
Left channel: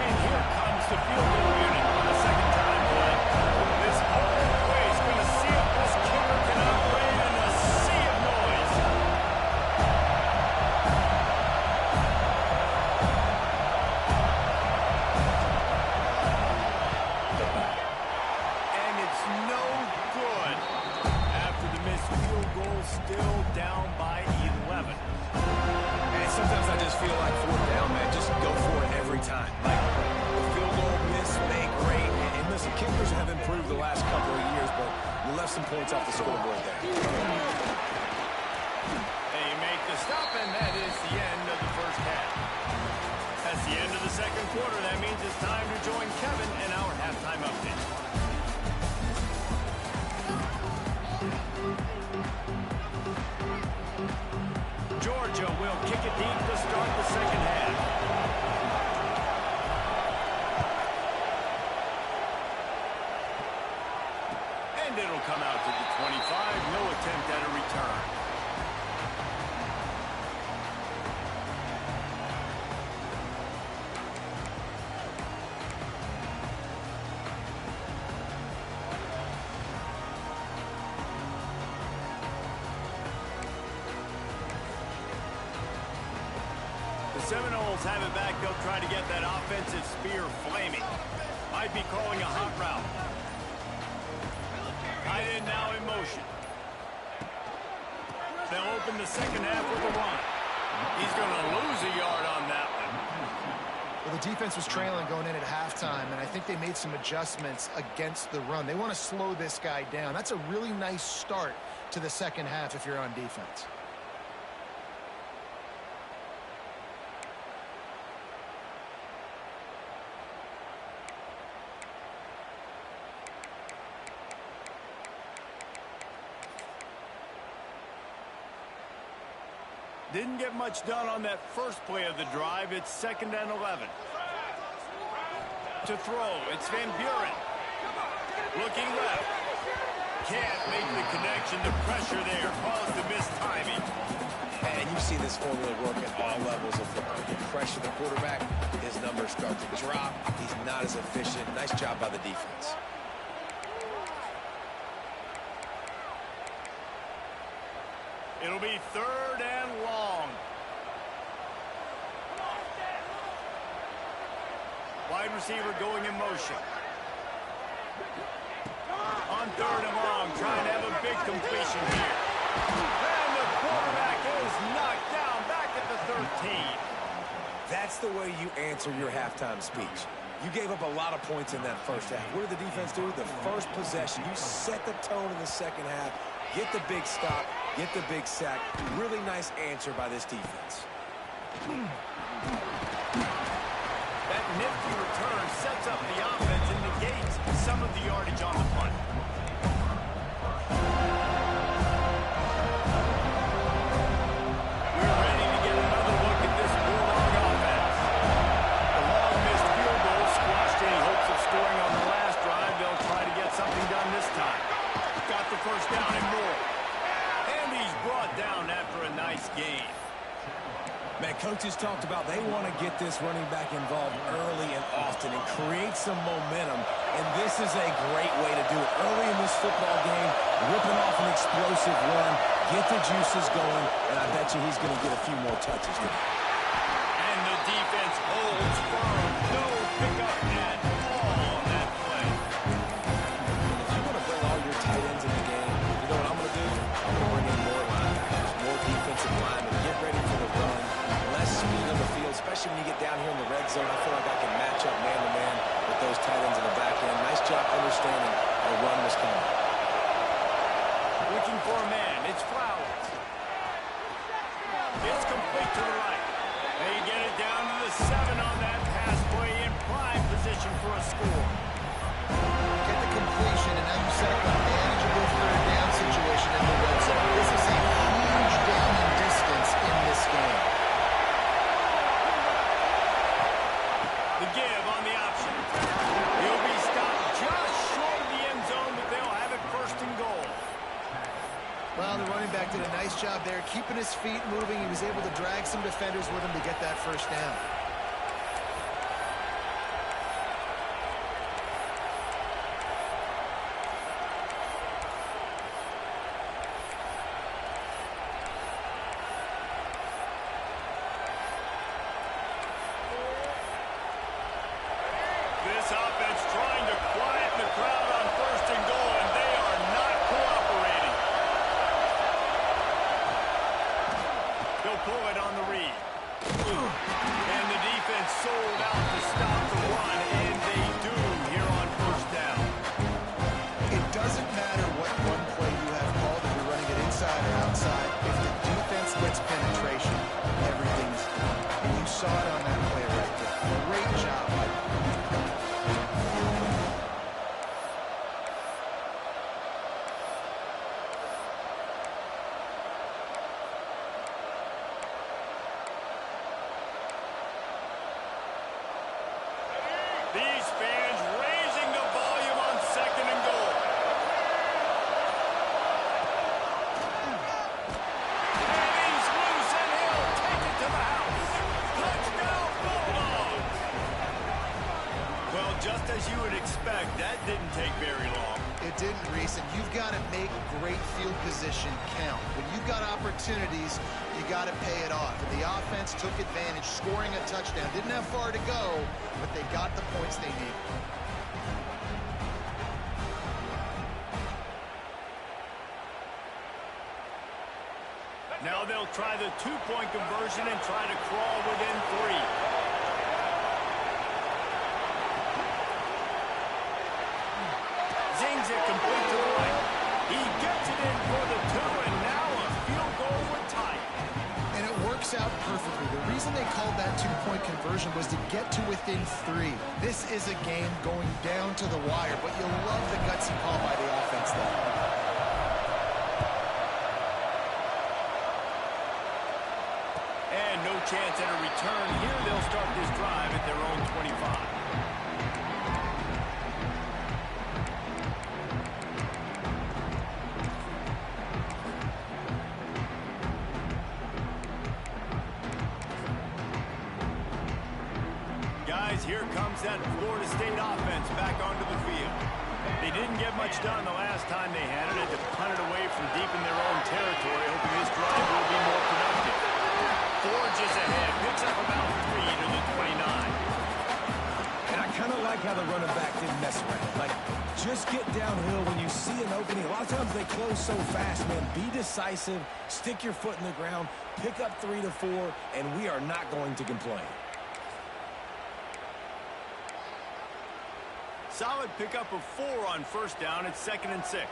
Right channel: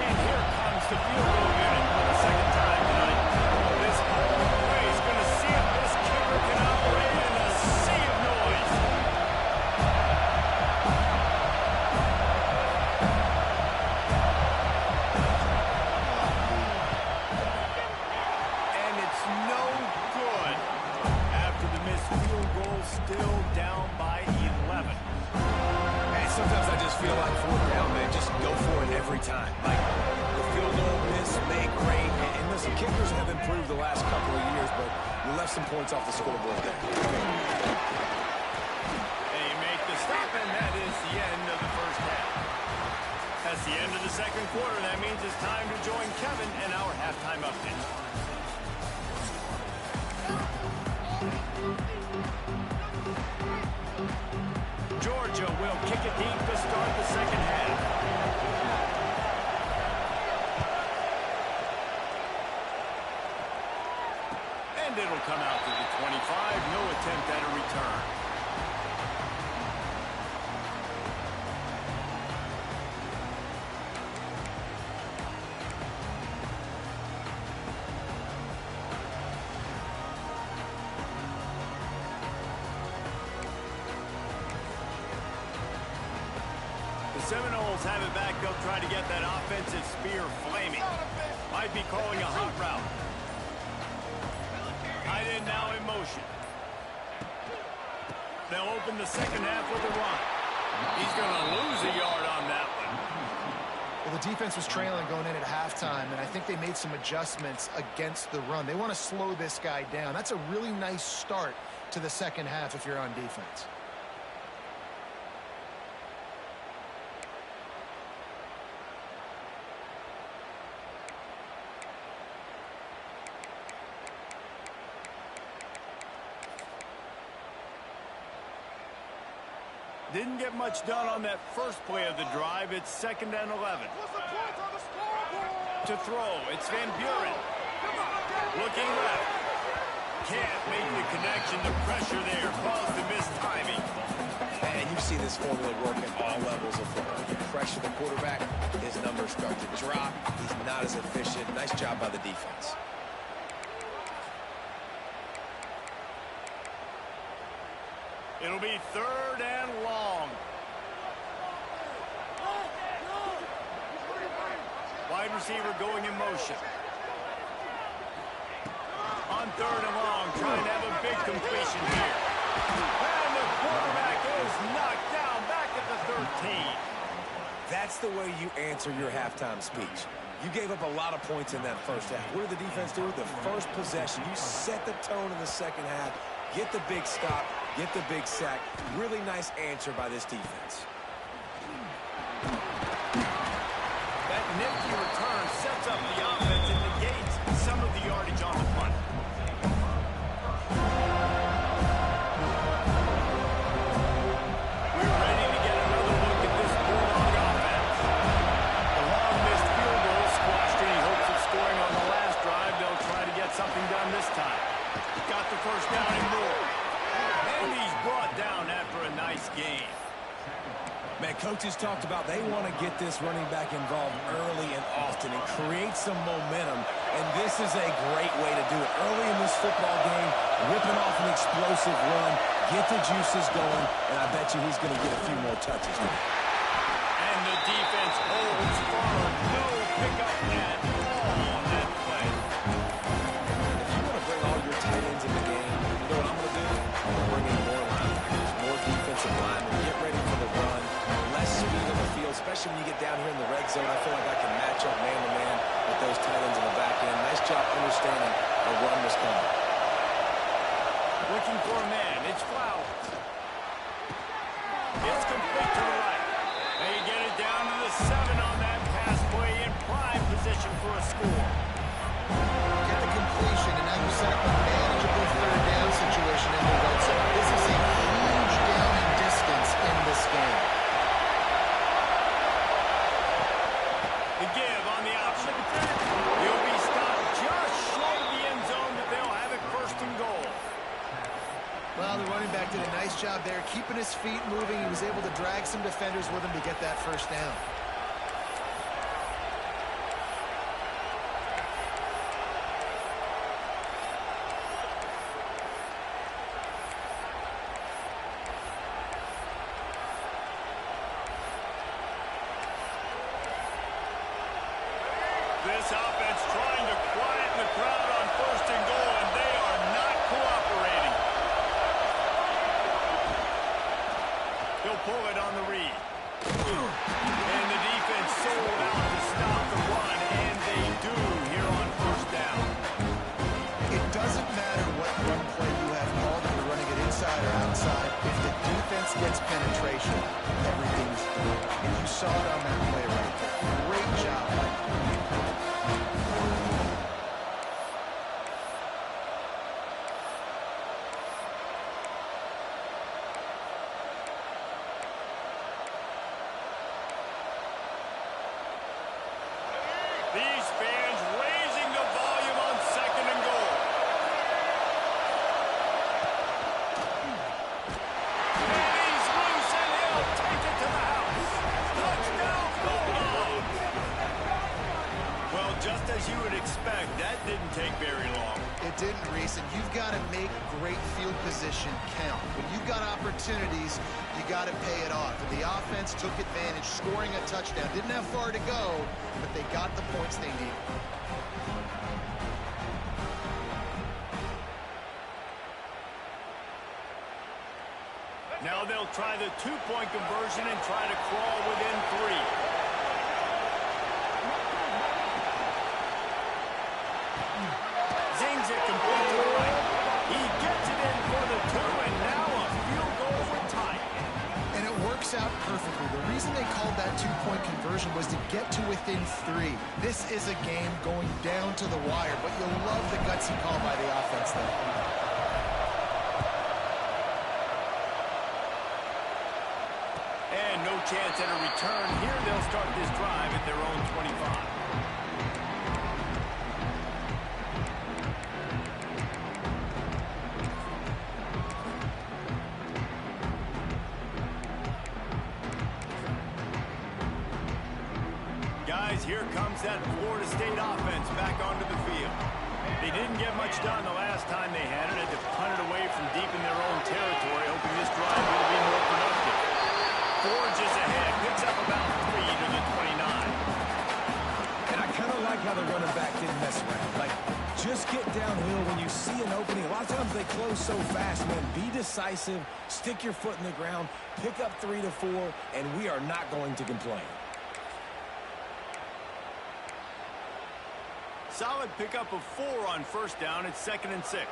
And here comes the field goal unit for the 2nd time tonight. This whole play is going to see if this kicker can operate in a sea of noise. And it's no good after the missed field goal, still down by 11. And sometimes I just feel like 4th down, man, just go for it every time. Like, the field goal miss, make great. And listen, kickers have improved the last couple of years, but you left some points off the scoreboard there. They make the stop, and that is the end of the first half. That's the end of the 2nd quarter. That means it's time to join Kevin in our halftime update. Georgia will kick it deep to start the 2nd half. And it'll come out to the 25. No attempt at a return. The Seminoles have it back. They'll try to get that offensive spear flaming. Might be calling a hot route. Tight end now in motion. They'll open the 2nd half with a run. He's going to lose a yard on that one. Well, the defense was trailing going in at halftime, and I think they made some adjustments against the run. They want to slow this guy down. That's a really nice start to the 2nd half if you're on defense. Didn't get much done on that first play of the drive. It's 2nd and 11. To throw, it's Van Buren. Looking left. Can't make the connection. The pressure there caused the missed timing. And you've seen this formula work at all levels of football. You pressure the quarterback, his numbers start to drop. He's not as efficient. Nice job by the defense. It'll be 3rd and long. Wide receiver going in motion. On 3rd and long, trying to have a big completion here. And the quarterback is knocked down back at the 13. That's the way you answer your halftime speech. You gave up a lot of points in that first half. What did the defense do? The first possession, you set the tone in the second half, get the big stop, get the big sack. Really nice answer by this defense. That nifty return sets up the offense and negates some of the yardage on the punt. We're ready to get another look at this Bulldog offense. The long missed field goal squashed any hopes of scoring on the last drive. They'll try to get something done this time. Got the first down and more. And he's brought down after a nice game. Man, coaches talked about they want to get this running back involved early and often and create some momentum, and this is a great way to do it. Early in this football game, ripping off an explosive run, get the juices going, and I bet you he's going to get a few more touches today. And the defense holds firm. No pickup at all on that play. If you want to bring all your tight ends in the game, you know what I'm going to do? I'm going to bring in more linebackers, more defensive linemen, get ready for the run, less speed on the field, especially when you get down here in the red zone. I feel like I can match up man-to-man with those tight ends in the back end. Nice job understanding a run was coming. Looking for a man. It's Flowers. It's complete to the right. They get it down to the 7 on that pass play in prime position for a score. Get the completion, and now you set up a manageable third down situation in the red zone. This is a huge down in distance in this game. The give on the option. He'll be stopped just short of the end zone, but they'll have it first and goal. Well, the running back did a nice job there, keeping his feet moving. He was able to drag some defenders with him to get that first down. This offense trying to quieten the crowd on first and goal, and they are not cooperating. They'll pull it on the read. And the defense sold out to stop the run, and they do here on first down. It doesn't matter what run play you have called, if you're running it inside or outside. If the defense gets penetration, everything's done. And you saw it on that play right there. Great job by These fans raising the volume on second and goal. And he's loose, and he'll take it to the house. Touchdown, Bulldogs! Well, just as you would expect, that didn't take very long. It didn't, Reese, and you've got to make great field position count. When you've got opportunities, you got to pay it off. And the offense took advantage, scoring a touchdown. Didn't have far to go, but they got the points they needed. Now they'll try the two-point conversion and try to crawl within 3. Zings it complete to the right. He gets it in for the 2, and now a field goal would tie it. And it works out perfectly. The reason they called that two-point conversion was to get to within 3. This is a game going down to the wire, but you'll love the gutsy call by the offense there. And no chance at a return here. They'll start this drive at their own 25. Guys, here comes that Florida State offense back onto the field. They didn't get much done the last time they had it. Had to punt it away from deep in their own territory, hoping this drive will be more productive. Forges ahead, picks up about 3 to the 29. And I kind of like how the running back didn't mess around. Like, just get downhill when you see an opening. A lot of times they close so fast, man. Be decisive, stick your foot in the ground, pick up 3 to 4, and we are not going to complain. solid pickup of 4 on first down. It's 2nd and 6.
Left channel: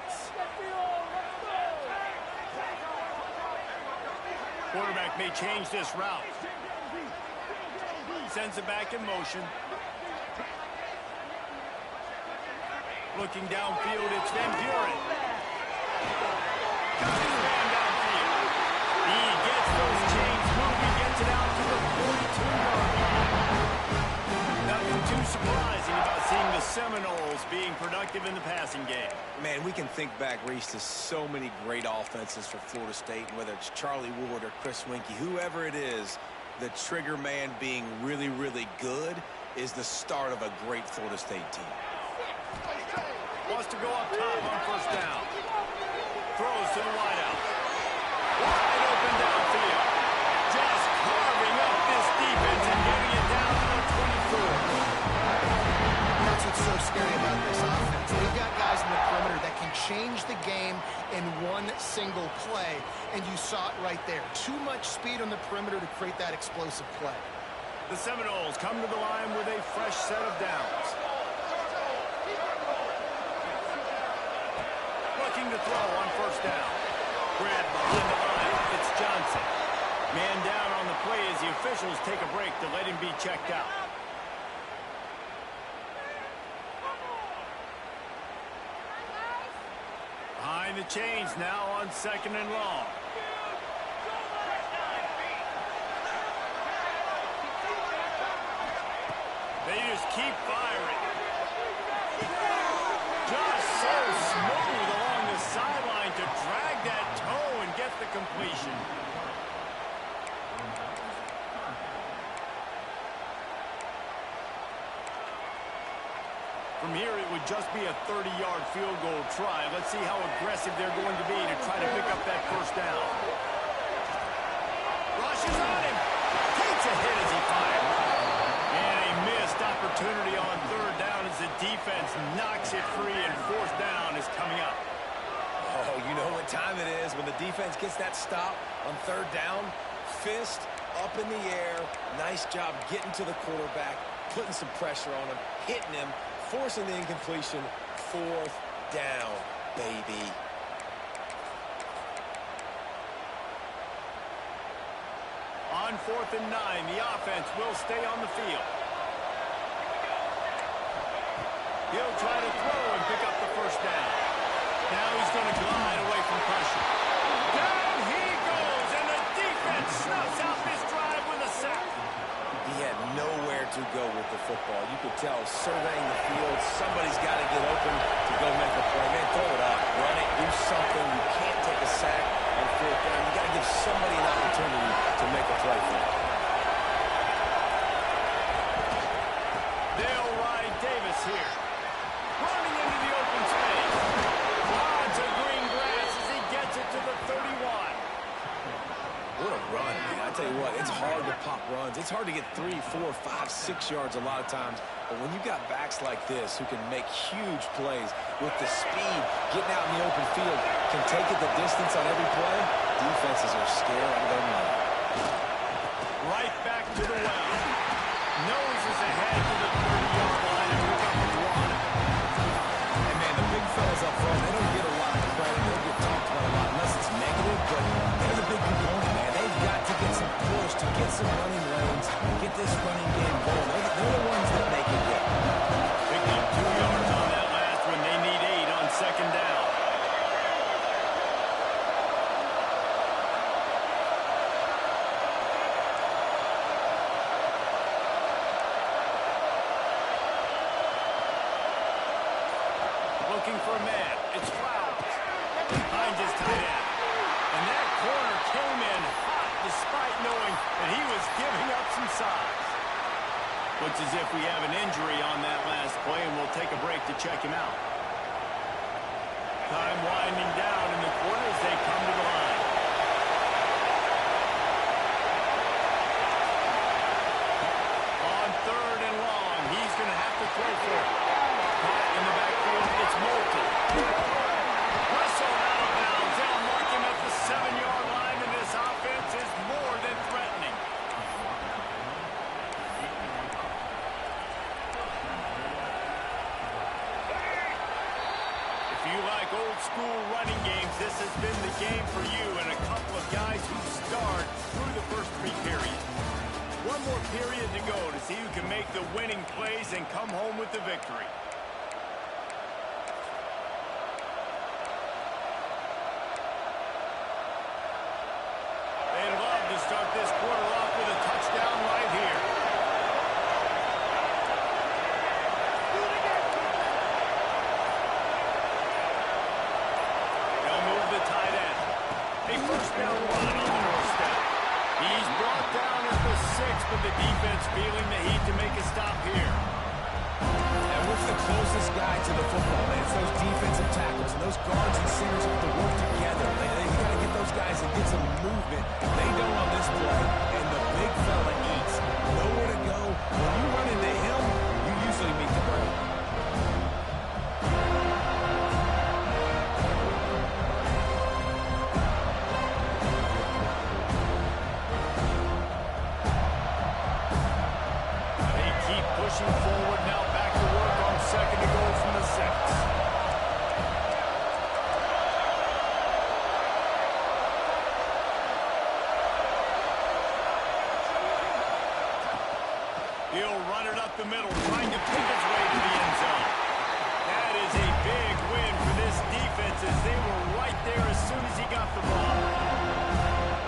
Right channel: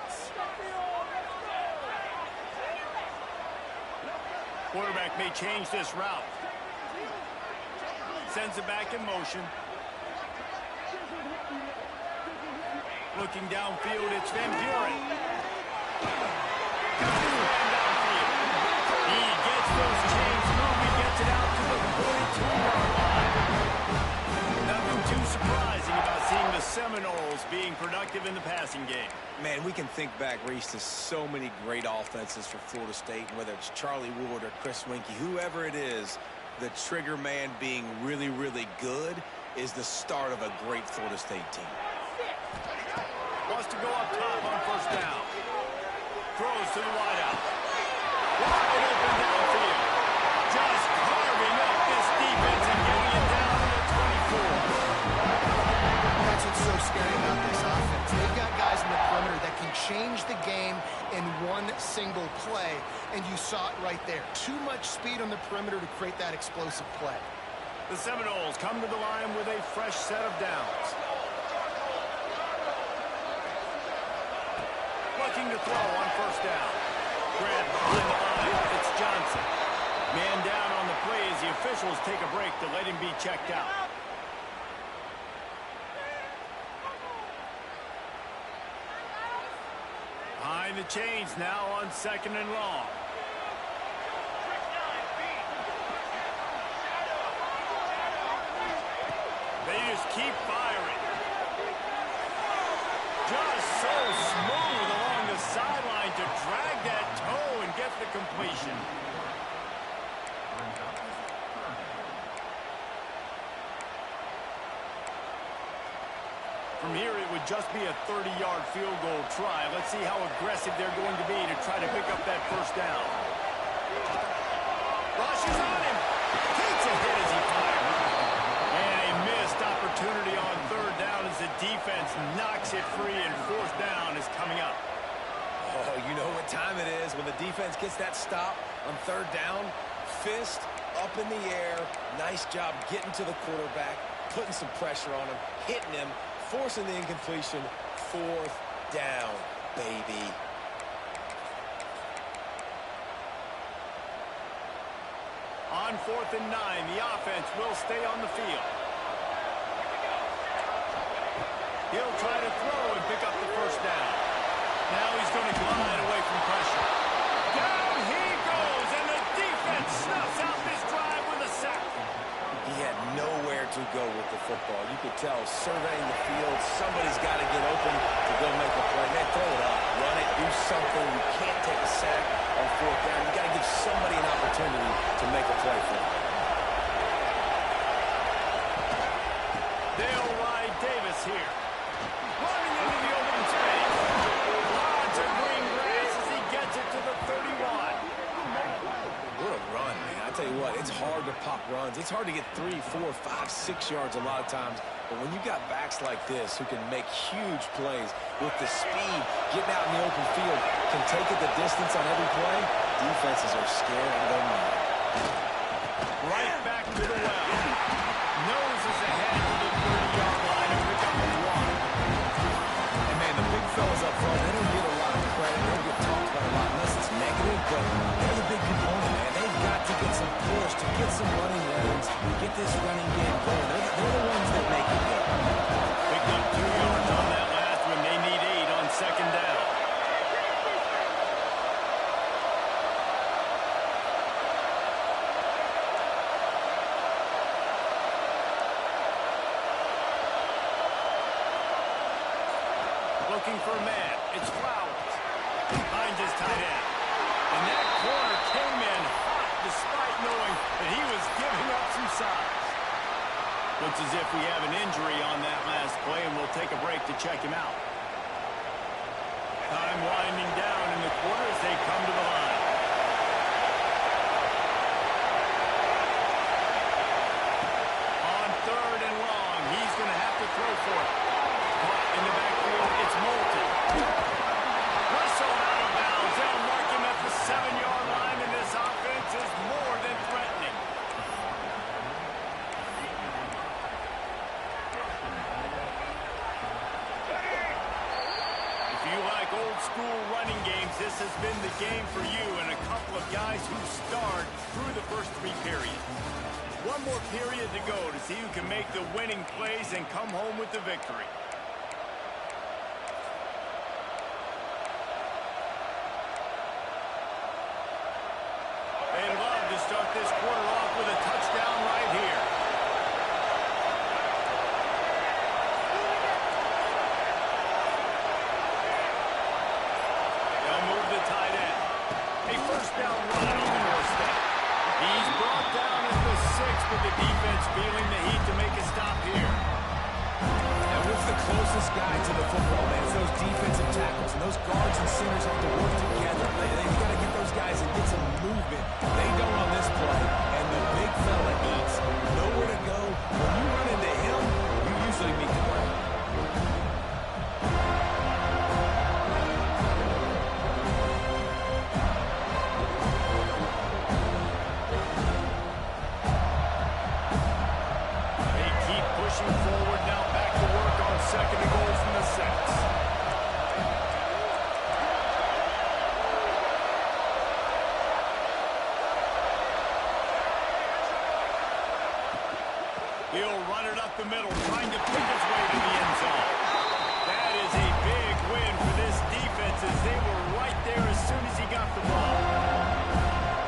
Quarterback may change this route. Sends it back in motion. Looking downfield, it's Van Buren. Got his man downfield. He gets those chains moving, gets it out to the 42-yard line. Nothing too surprising about seeing the Seminoles being productive in the passing game. Man, we can think back, Reese, to so many great offenses for Florida State, whether it's Charlie Wood or Chris Winkie, whoever it is, the trigger man being really, really good is the start of a great Florida State team. Wants to go up top on first down. Throws to the wideout. Wide open downfield. Just carving up this defense and getting it down to the 24. That's what's so scary about this offense. They've got guys in the perimeter that can change the game in one single play, and you saw it right there. Too much speed on the perimeter to create that explosive play. The Seminoles come to the line with a fresh set of downs. Looking to throw on first down. Grabbed behind the line. It's Johnson. Man down on the play as the officials take a break to let him be checked out. Behind the chains now on 2nd and long. They just keep firing. Just so smooth along the sideline to drag that toe and get the completion. From here, it would just be a 30-yard field goal try. Let's see how aggressive they're going to be to try to pick up that first down. Rushes on him. Takes a hit as he fires. And a missed opportunity on 3rd down as the defense knocks it free, and 4th down is coming up. Oh, you know what time it is when the defense gets that stop on 3rd down. Fist up in the air. Nice job getting to the quarterback, putting some pressure on him, hitting him, forcing the incompletion. 4th down, baby. On 4th and 9, the offense will stay on the field. He'll try to throw and pick up the first down. Now he's going to glide away from pressure. Down he goes, and the defense snuffs out this drive with a sack. He had nowhere to go with the football. You could tell, surveying the field, somebody's got to get open to go make a play. Man, throw it up, run it, do something. You can't take a sack on 4th down. You got to give somebody an opportunity to make a play for him. They'll ride Davis here. Running into the open space. Lots of green grass as he gets it to the 31. What a run, man. I tell you what, it's hard to pop runs. It's hard to get 3, 4, 5, 6 yards a lot of times. But when you got backs like this who can make huge plays with the speed, getting out in the open field, can take it the distance on every play, defenses are scared out of their mind. Right back to the well. Noses ahead to the 30-yard line and pick up a 1. And man, the big fellas up front, they don't get a lot of credit. They don't get talked about a lot unless it's negative, but they're the big component, man. They've got to get some push, to get some running lanes, get this running game going. They're the ones that make it go. Picked up 2 yards on that last one. They need 8 on 2nd down. Looking for a man. It's Flowers. Finds his tight end. And that corner came in hot despite knowing that he was giving up some size. Looks as if we have an injury on that last play, and we'll take a break to check him out. Time winding down in the quarter as they come to the line. On 3rd and long, he's going to have to throw for it. Caught in the backfield, it's Moulton. Russell out of bounds. They'll mark him at the 7-yard line, and this offense is more than threatening. running games, this has been the game for you and a couple of guys who starred through the first 3 periods. One more period to go to see who can make the winning plays and come home with the victory. They'd love to start this quarter off with a touchdown right here. They'll move the tight end. A first down run on the doorstep. He's brought down at the 6, but the defense feeling the heat to make a stop here. And with the closest guy to the football, man, it's those defensive tackles. And those guards and centers have to work together. They got to get those guys and get some movement. They don't on this play, and the big fella eats. Nowhere to go. When you run into him, you usually meet the ground. Pushing forward now, back to work on 2nd and goal from the 6. He'll run it up the middle, trying to pick his way to the end zone. That is a big win for this defense as they were right there as soon as he got the ball.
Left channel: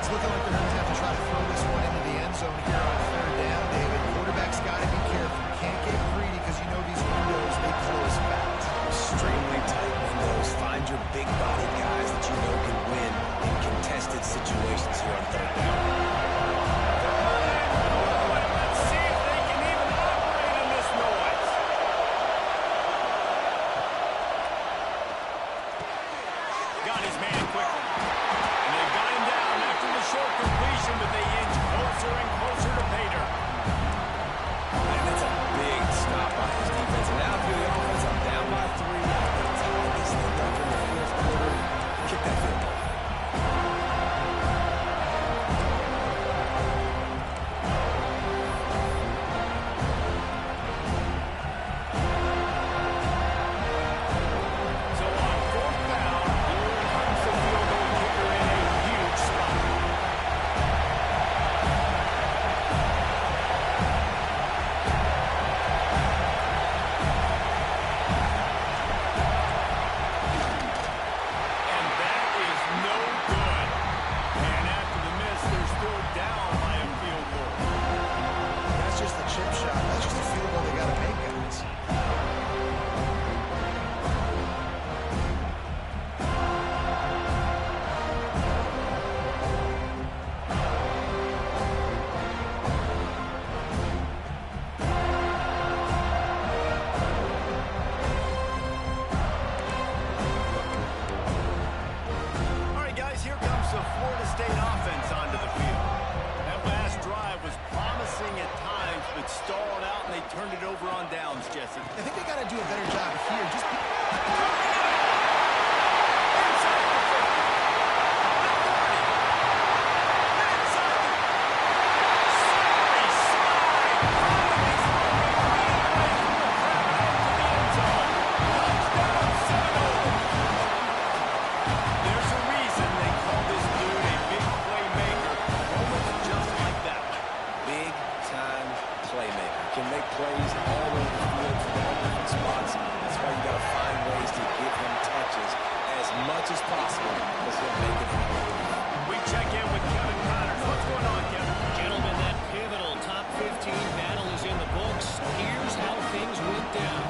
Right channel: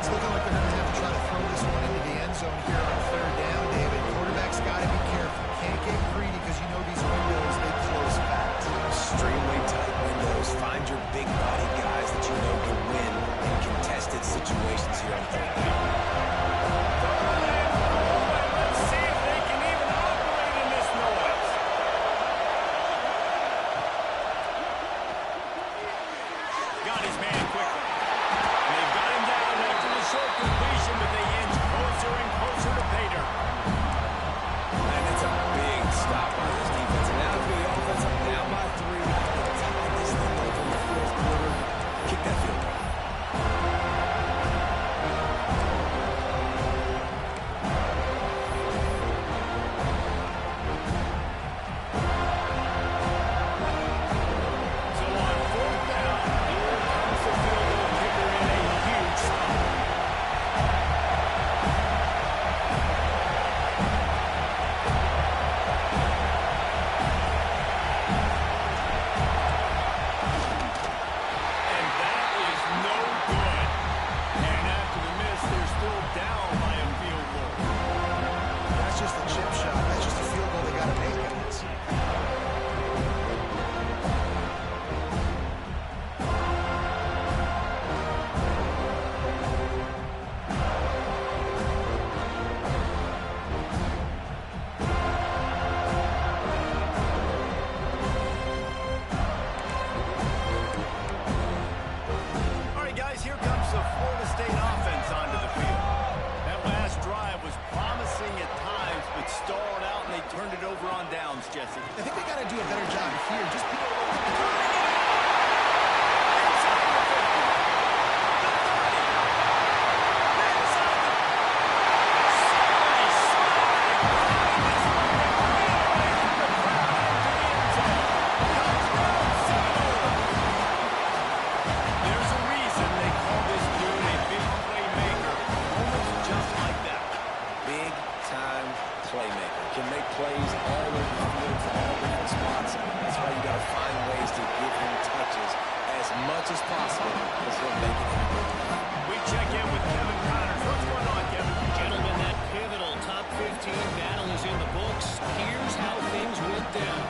It's looking like they're going to have to try to throw this one into the end zone here on 3rd down, David. Quarterback's got to be careful. Can't get greedy because you know these windows, they close fast. Extremely tight windows. Find your big body guys that you know can win in contested situations here on 3rd down. Let's see if they can even operate in this noise. Got his man quickly. And they've got him down after the short completion, but they inch closer and closer to pay dirt. And that's a big stop by his defense. And now through the offense, I'm down by 3. I can tie this thing up in the 4th quarter. Kick that field goal. So on 4th down, here comes the field goal kicker in a huge spot. Down by a field goal. That's just a chip shot. That's just a field goal they got to make, guys. All right, guys, here comes the Florida State offense onto the field. That last drive was promising at times, but stalled out, and they turned it over on downs, Jesse. I think they got to do a better job here. Just turning it over. Inside the 50. The 30. Inside the... Slippery slide. Find this moment. Right away from the crowd into the end zone. Touchdown, Seminole. There's a reason they call this dude a big playmaker. Moments just like that. Big time playmaker. Can make plays all over the field from all different spots. That's why you got to find ways to give him touches as much as possible because he'll make it happen. We check in with Kevin Connors. What's going on, Kevin? Gentlemen, that pivotal top 15 battle is in the books. Here's how things went down.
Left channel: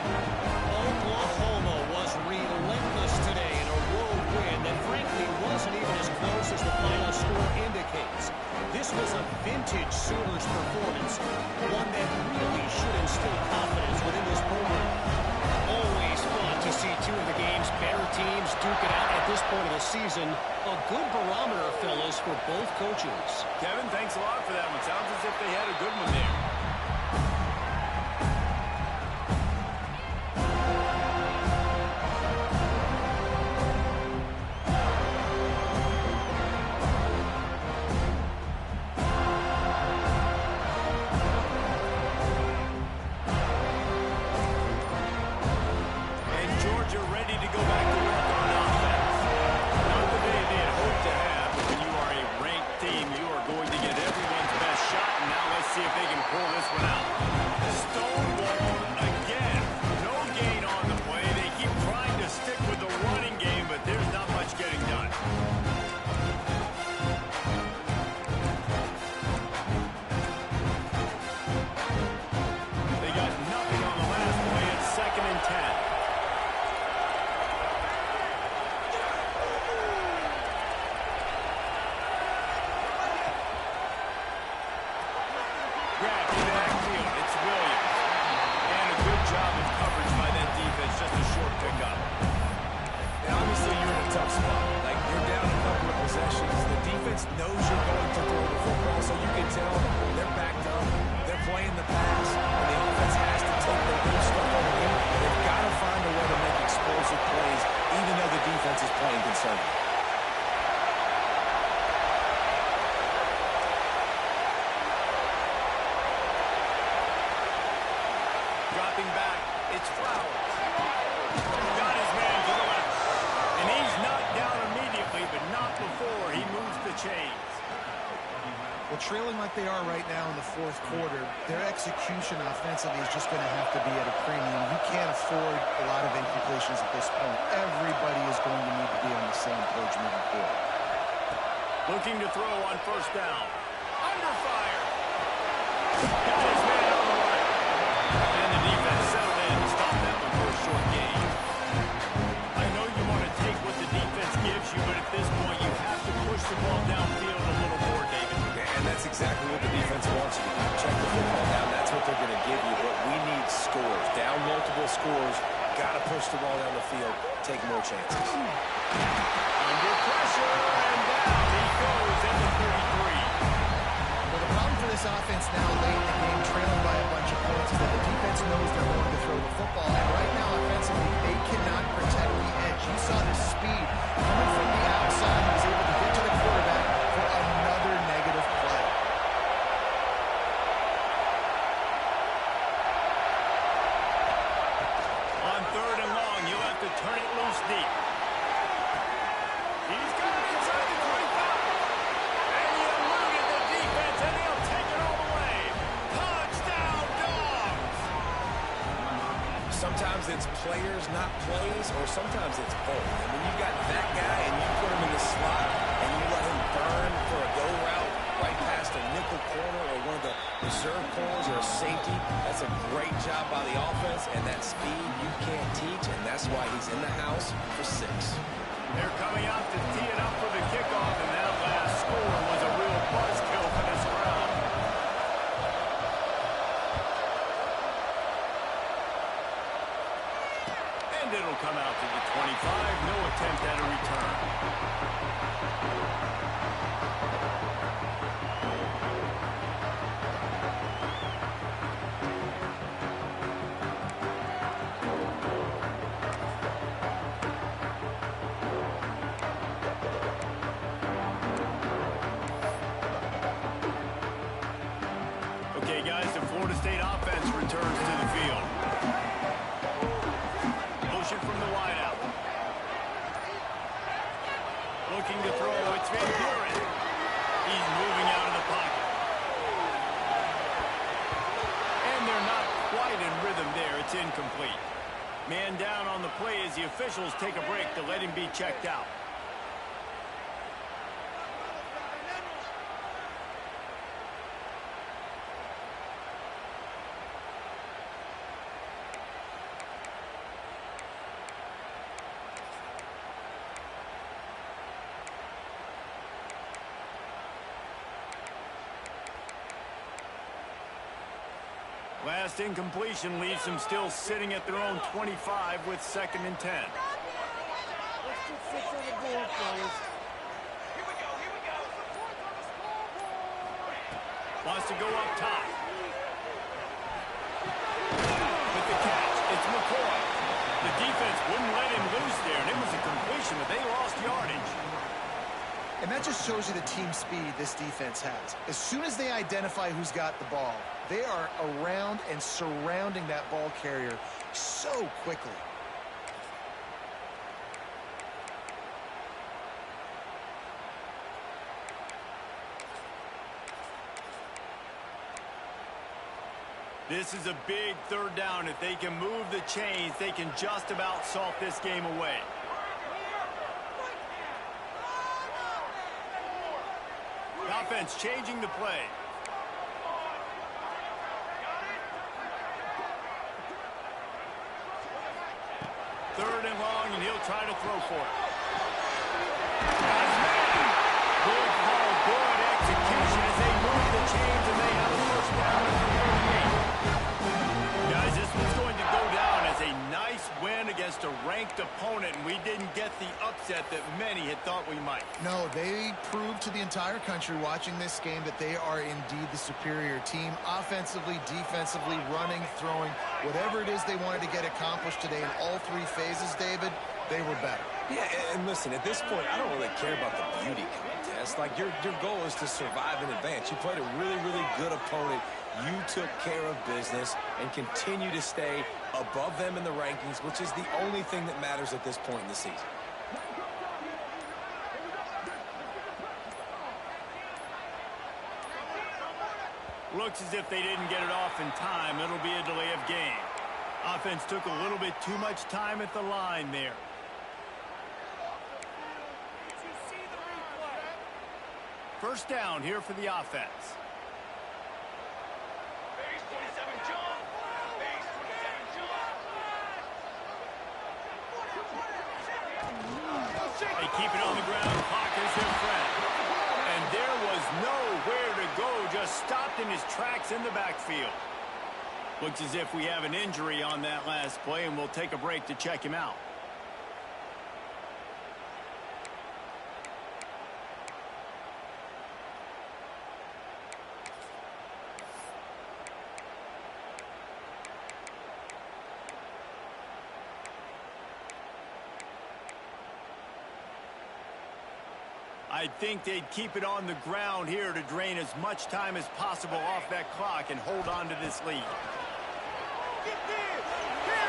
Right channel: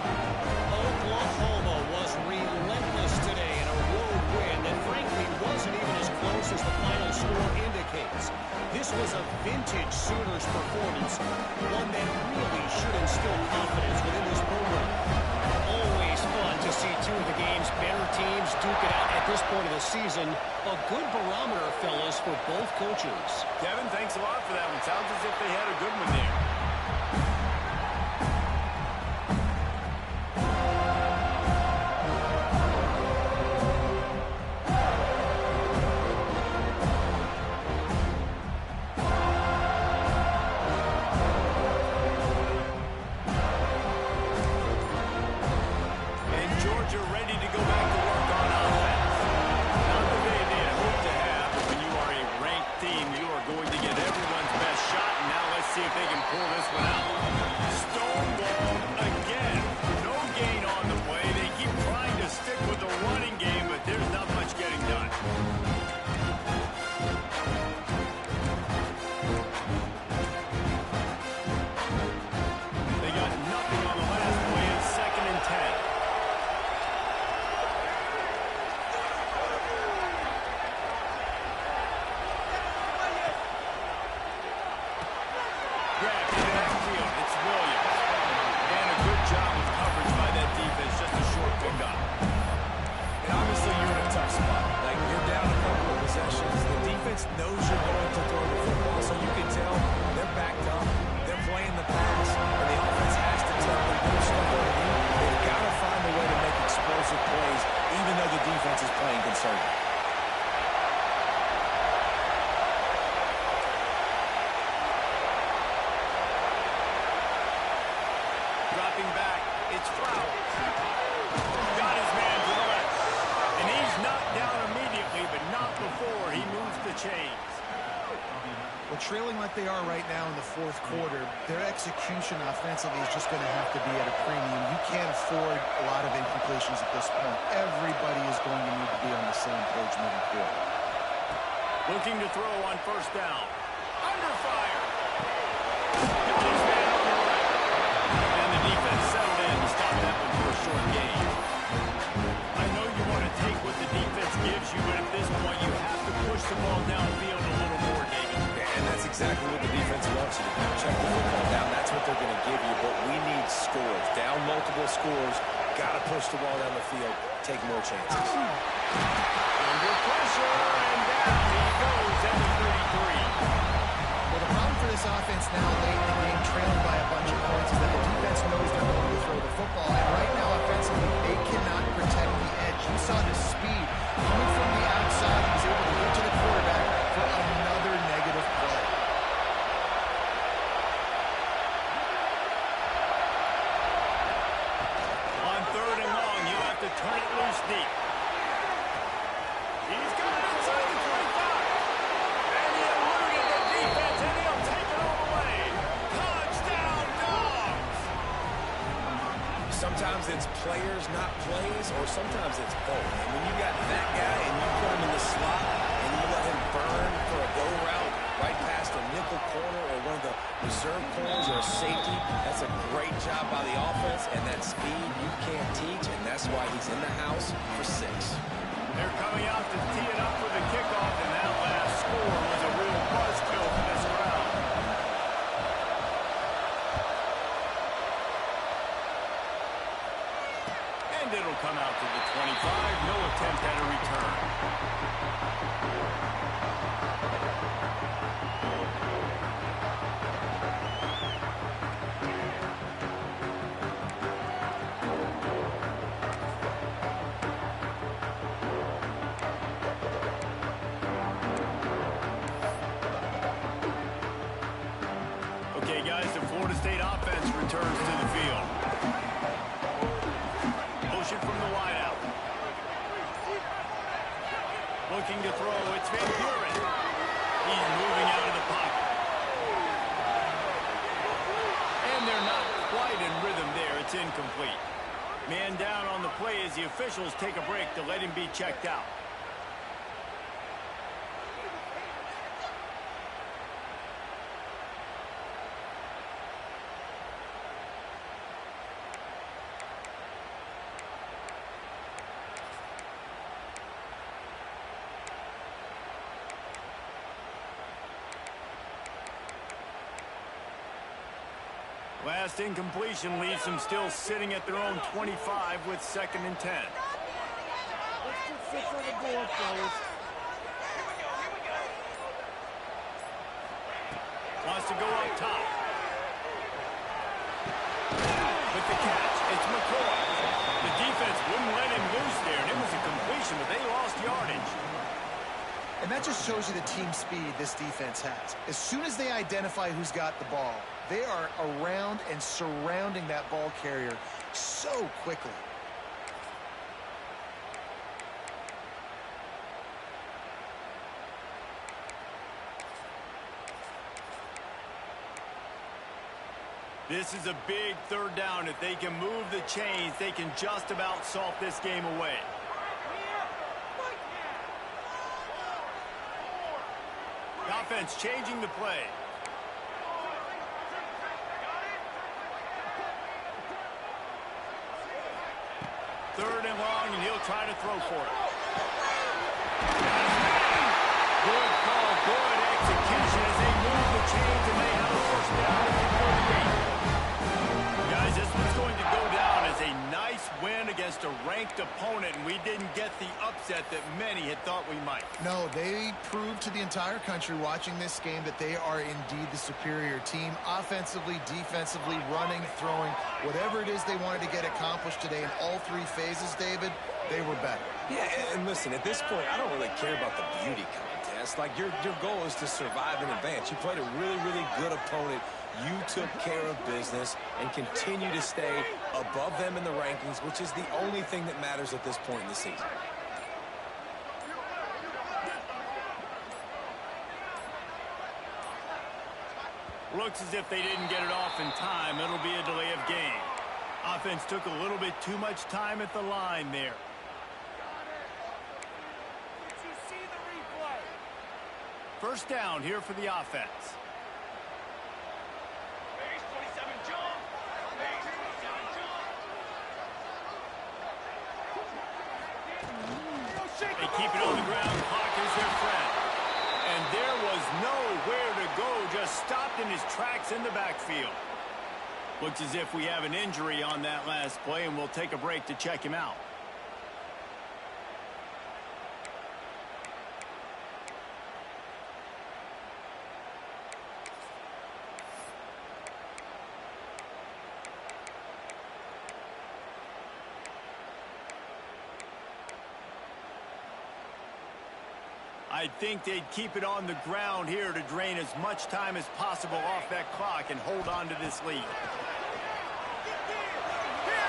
Oklahoma was relentless today in a road win that frankly wasn't even as close as the final score indicates. This was a vintage Sooners performance, one that really should instill confidence within this program. Always fun to see two of the game's better teams duke it out at this point of the season. A good barometer, fellas, for both coaches. Kevin, thanks a lot for that one. Sounds as if they had a good one there. Georgia ready to go back to work on offense. see if they can pull this one out. Stonewalled again. No gain on the play. They keep trying to stick with the running game, but there's not much getting done. They got nothing on the last play. It's 2nd and 10. Grab to the backfield. It's Williams. And a good job of coverage by that defense. Just a short pickup. And obviously you're in a tough spot. Like, you're down a couple of possessions. The defense knows you're going to throw the football, so you can tell they're backed up. They're playing the pass, and the offense has to take the good stuff underneath. They've got to find a way to make explosive plays, even though the defense is playing conservative. Dropping back, it's Flowers. Got his man to the left. And he's knocked down immediately, but not before he moves the chains. Well, trailing like they are right now in the fourth quarter, their execution offensively is just going to have to be at a premium. You can't afford a lot of incompletions at this point. Everybody is going to need to be on the same page moving forward. Looking to throw on 1st down. Under fire. Got his man on the right. And the defense settled in to stop that one for a short gain. I know you want to take what the defense gives you, but at this point you have to push the ball downfield a little more, David. And that's exactly what the defense wants you to do. Check the football down. That's what they're going to give you, but we need scores. Down multiple scores. Got to push the ball down the field. Take more chances. Under pressure, and down he goes at the 33. Well, the problem for this offense now late in the game, trailing by a bunch of points, is that the defense knows they're going to throw the football. And right now, offensively, they cannot protect the edge. You saw the speed coming from the outside. He was able to get to the quarterback for another negative play. On 3rd and long, you'll have to turn it loose deep. He's got it inside the 25. And he eluded the defense, and he'll take it all the way. Touchdown, Dogs! Sometimes it's players, not plays, or sometimes it's both. And when you got that guy and you put him in the slot and you let him burn for a go route right past a nickel corner or one of the reserve corners or a safety, that's a great job by the offense, and that speed you can't teach, and that's why he's in the house for 6. They're coming out to tee it up for the kickoff, and that last score was a real buzzkill for this crowd. And it'll come out to the 25. No attempt at a return. Okay, guys, the Florida State offense returns to the field. Motion from the wideout. Looking to throw, it's Van Buren. He's moving out of the pocket. And they're not quite in rhythm there. It's incomplete. Man down on the play as the officials take a break to let him be checked out. Last incompletion leaves them still sitting at their own 25 with 2nd and 10. Let's put 6 on the board, fellas. Wants to go up top. With the catch, it's McCoy. The defense wouldn't let him loose there, and it was a completion, but they lost yardage. And that just shows you the team speed this defense has. As soon as they identify who's got the ball, they are around and surrounding that ball carrier so quickly. This is a big third down. If they can move the chains, they can just about salt this game away. The offense changing the play. Third and long, and he'll try to throw for it. Got his man. Good call, good execution as they move the chains, and they have a first down at the 38. Guys, this one's going to go down as a nice win against a ranked opponent, and we didn't get the upset that many had thought we might. No, they proved to the entire country watching this game that they are indeed the superior team. Offensively, defensively, running, throwing, whatever it is they wanted to get accomplished today in all three phases, David, they were better. Yeah, and listen, at this point, I don't really care about the beauty contest. Like, your goal is to survive and advance. You played a really, really good opponent. You took care of business and continue to stay above them in the rankings, which is the only thing that matters at this point in the season. Looks as if they didn't get it off in time. It'll be a delay of game. Offense took a little bit too much time at the line there. Did you see the replay? First down here for the offense. Base 27 jump. Base 27 jump. They keep it on the ground. Clock is their friend. And there was nowhere to go. Just stopped in his tracks in the backfield. Looks as if we have an injury on that last play, and we'll take a break to check him out. I think they'd keep it on the ground here to drain as much time as possible off that clock and hold on to this lead.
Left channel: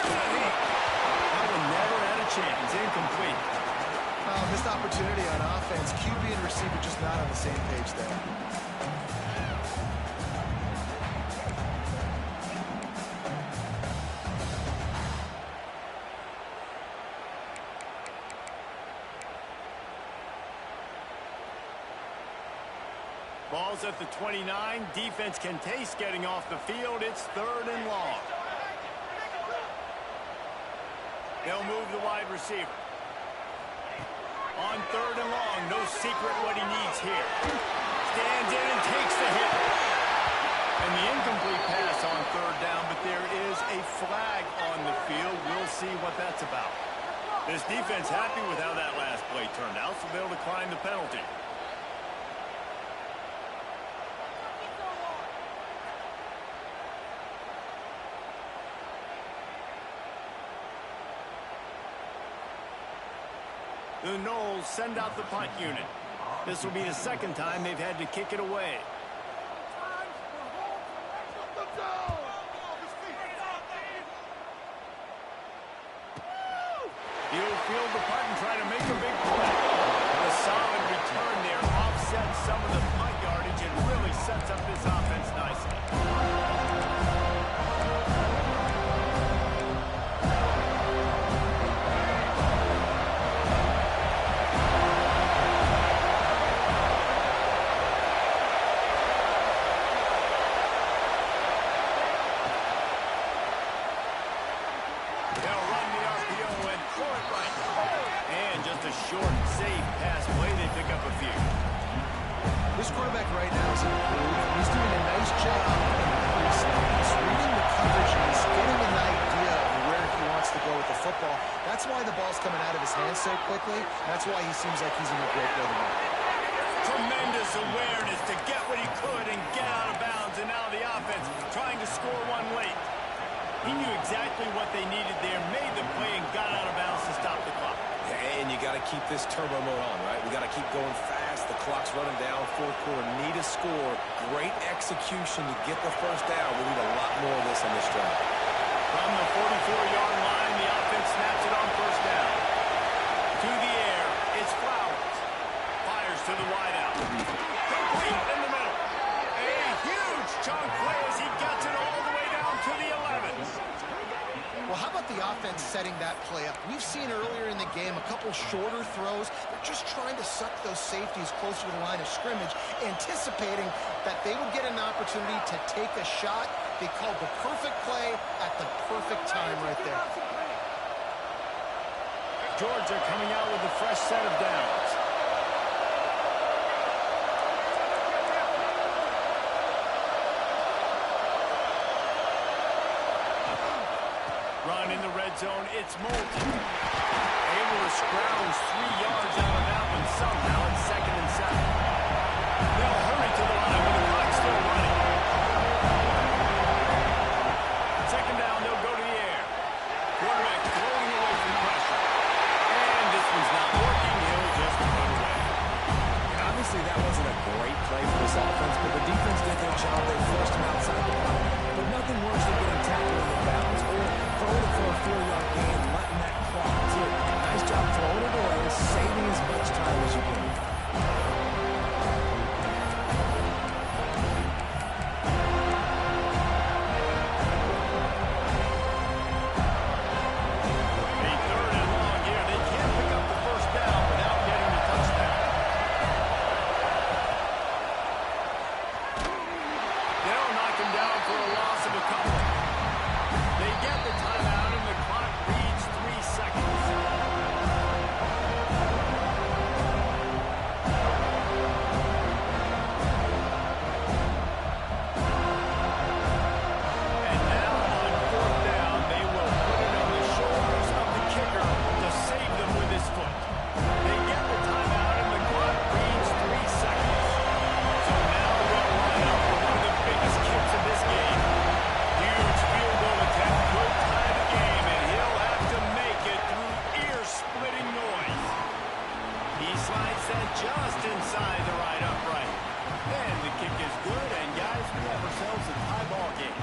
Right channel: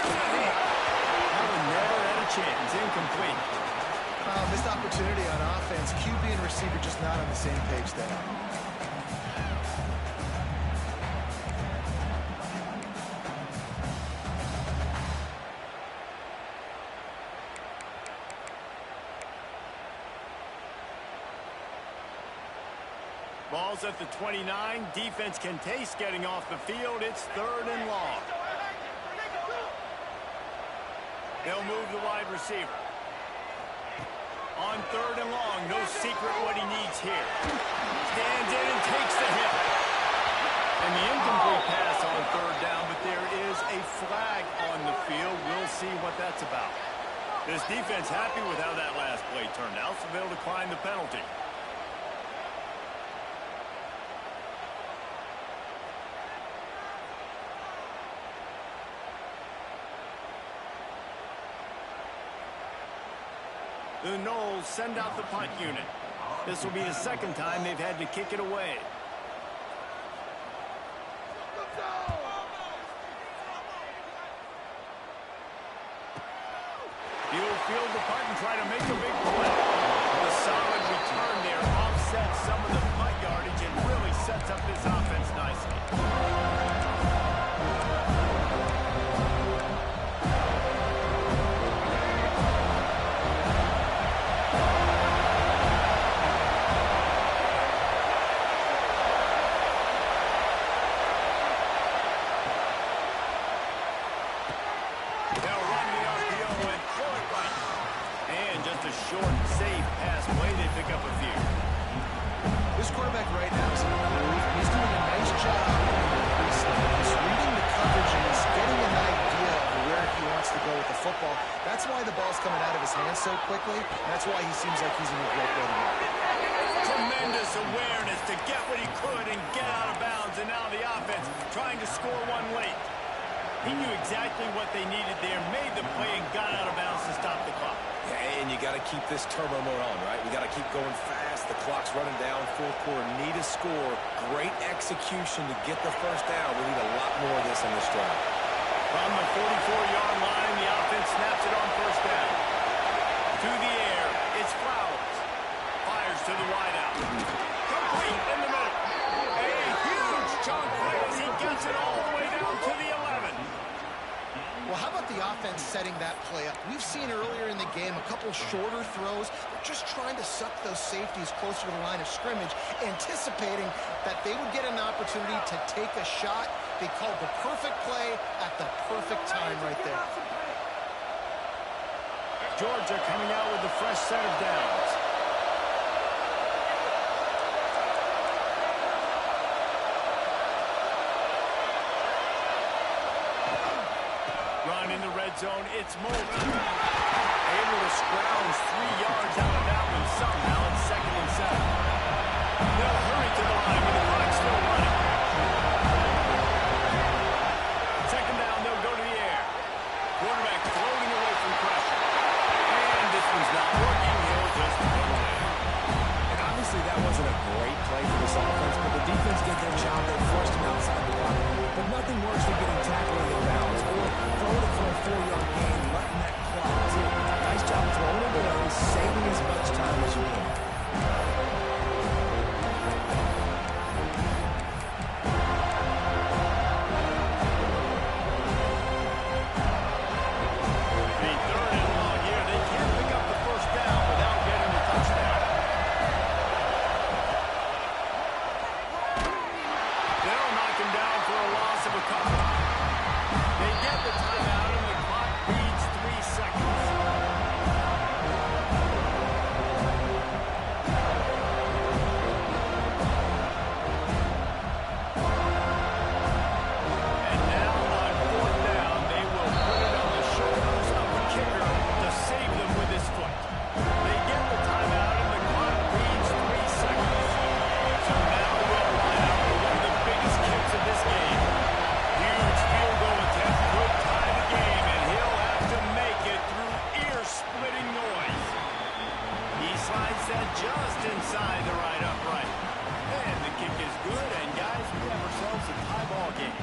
That one never had a chance. Incomplete. Missed opportunity on offense. QB and receiver just not on the same page there. Ball's at the 29. Defense can taste getting off the field. It's third and long. They'll move the wide receiver. On third and long, no secret what he needs here. Stands in and takes the hit. And the incomplete pass on third down, but there is a flag on the field. We'll see what that's about. This defense happy with how that last play turned out, so they'll decline the penalty. The Knowles send out the punt unit. This will be the second time they've had to kick it away. He'll field the punt and try to make a big play. The solid return there offsets some of the punt yardage and really sets up this offense nicely. Short, safe pass play. They pick up a few. This quarterback right now is in the groove. He's doing a nice job in the pre-snap. He's reading the coverage and he's getting an idea of where he wants to go with the football. That's why the ball's coming out of his hands so quickly. That's why he seems like he's in a great way to go. Tremendous awareness to get what he could and get out of bounds. And now the offense trying to score one late. He knew exactly what they needed there, made the play, and got out of bounds to stop the clock. Yeah, and you got to keep this turbo mode on, right? We got to keep going fast. The clock's running down. Fourth quarter, need a score. Great execution to get the first down. We need a lot more of this on this drive. From the 44-yard line, the offense snaps it on first down. To the air, it's Flowers. Fires to the wideout. Complete in the middle. A huge chunk play as he gets it all the way down to the 11. Well, how about the offense setting that play up? We've seen earlier in the game a couple shorter throws. They're just trying to suck those safeties closer to the line of scrimmage, anticipating that they would get an opportunity to take a shot. They called the perfect play at the perfect time right there. Georgia coming out with a fresh set of downs. Run in the red zone, it's Moulton. Able to scrounge 3 yards out of that one somehow. It's 2nd and 7. They'll hurry to the line with the clock still running. 2nd down, they'll go to the air. Quarterback floating away from pressure. And this one's not working. He'll just put away. And obviously that wasn't a great play for this offense, but the defense did their job. They forced him outside the pocket. But nothing worse than getting tackled in the bounds or throwing it for a 4-yard gain, letting that clock tick. Nice job throwing it away, saving as much time as you can. A 3rd and long here. They can't pick up the first down without getting the touchdown. They'll knock him down for a loss of a couple. They get the timeout and the clock reads 3 seconds. And now on 4th down, they will put it on the shoulders of the kicker to save them with his foot. They get the timeout and the clock reads 3 seconds. So now they'll line up for one of the biggest kicks of this game. Huge field goal attempt could tie the game, and he'll have to make it through ear-splitting noise. He slides that just inside the right upright. And the kick is good, and guys, we have ourselves a tie ball game.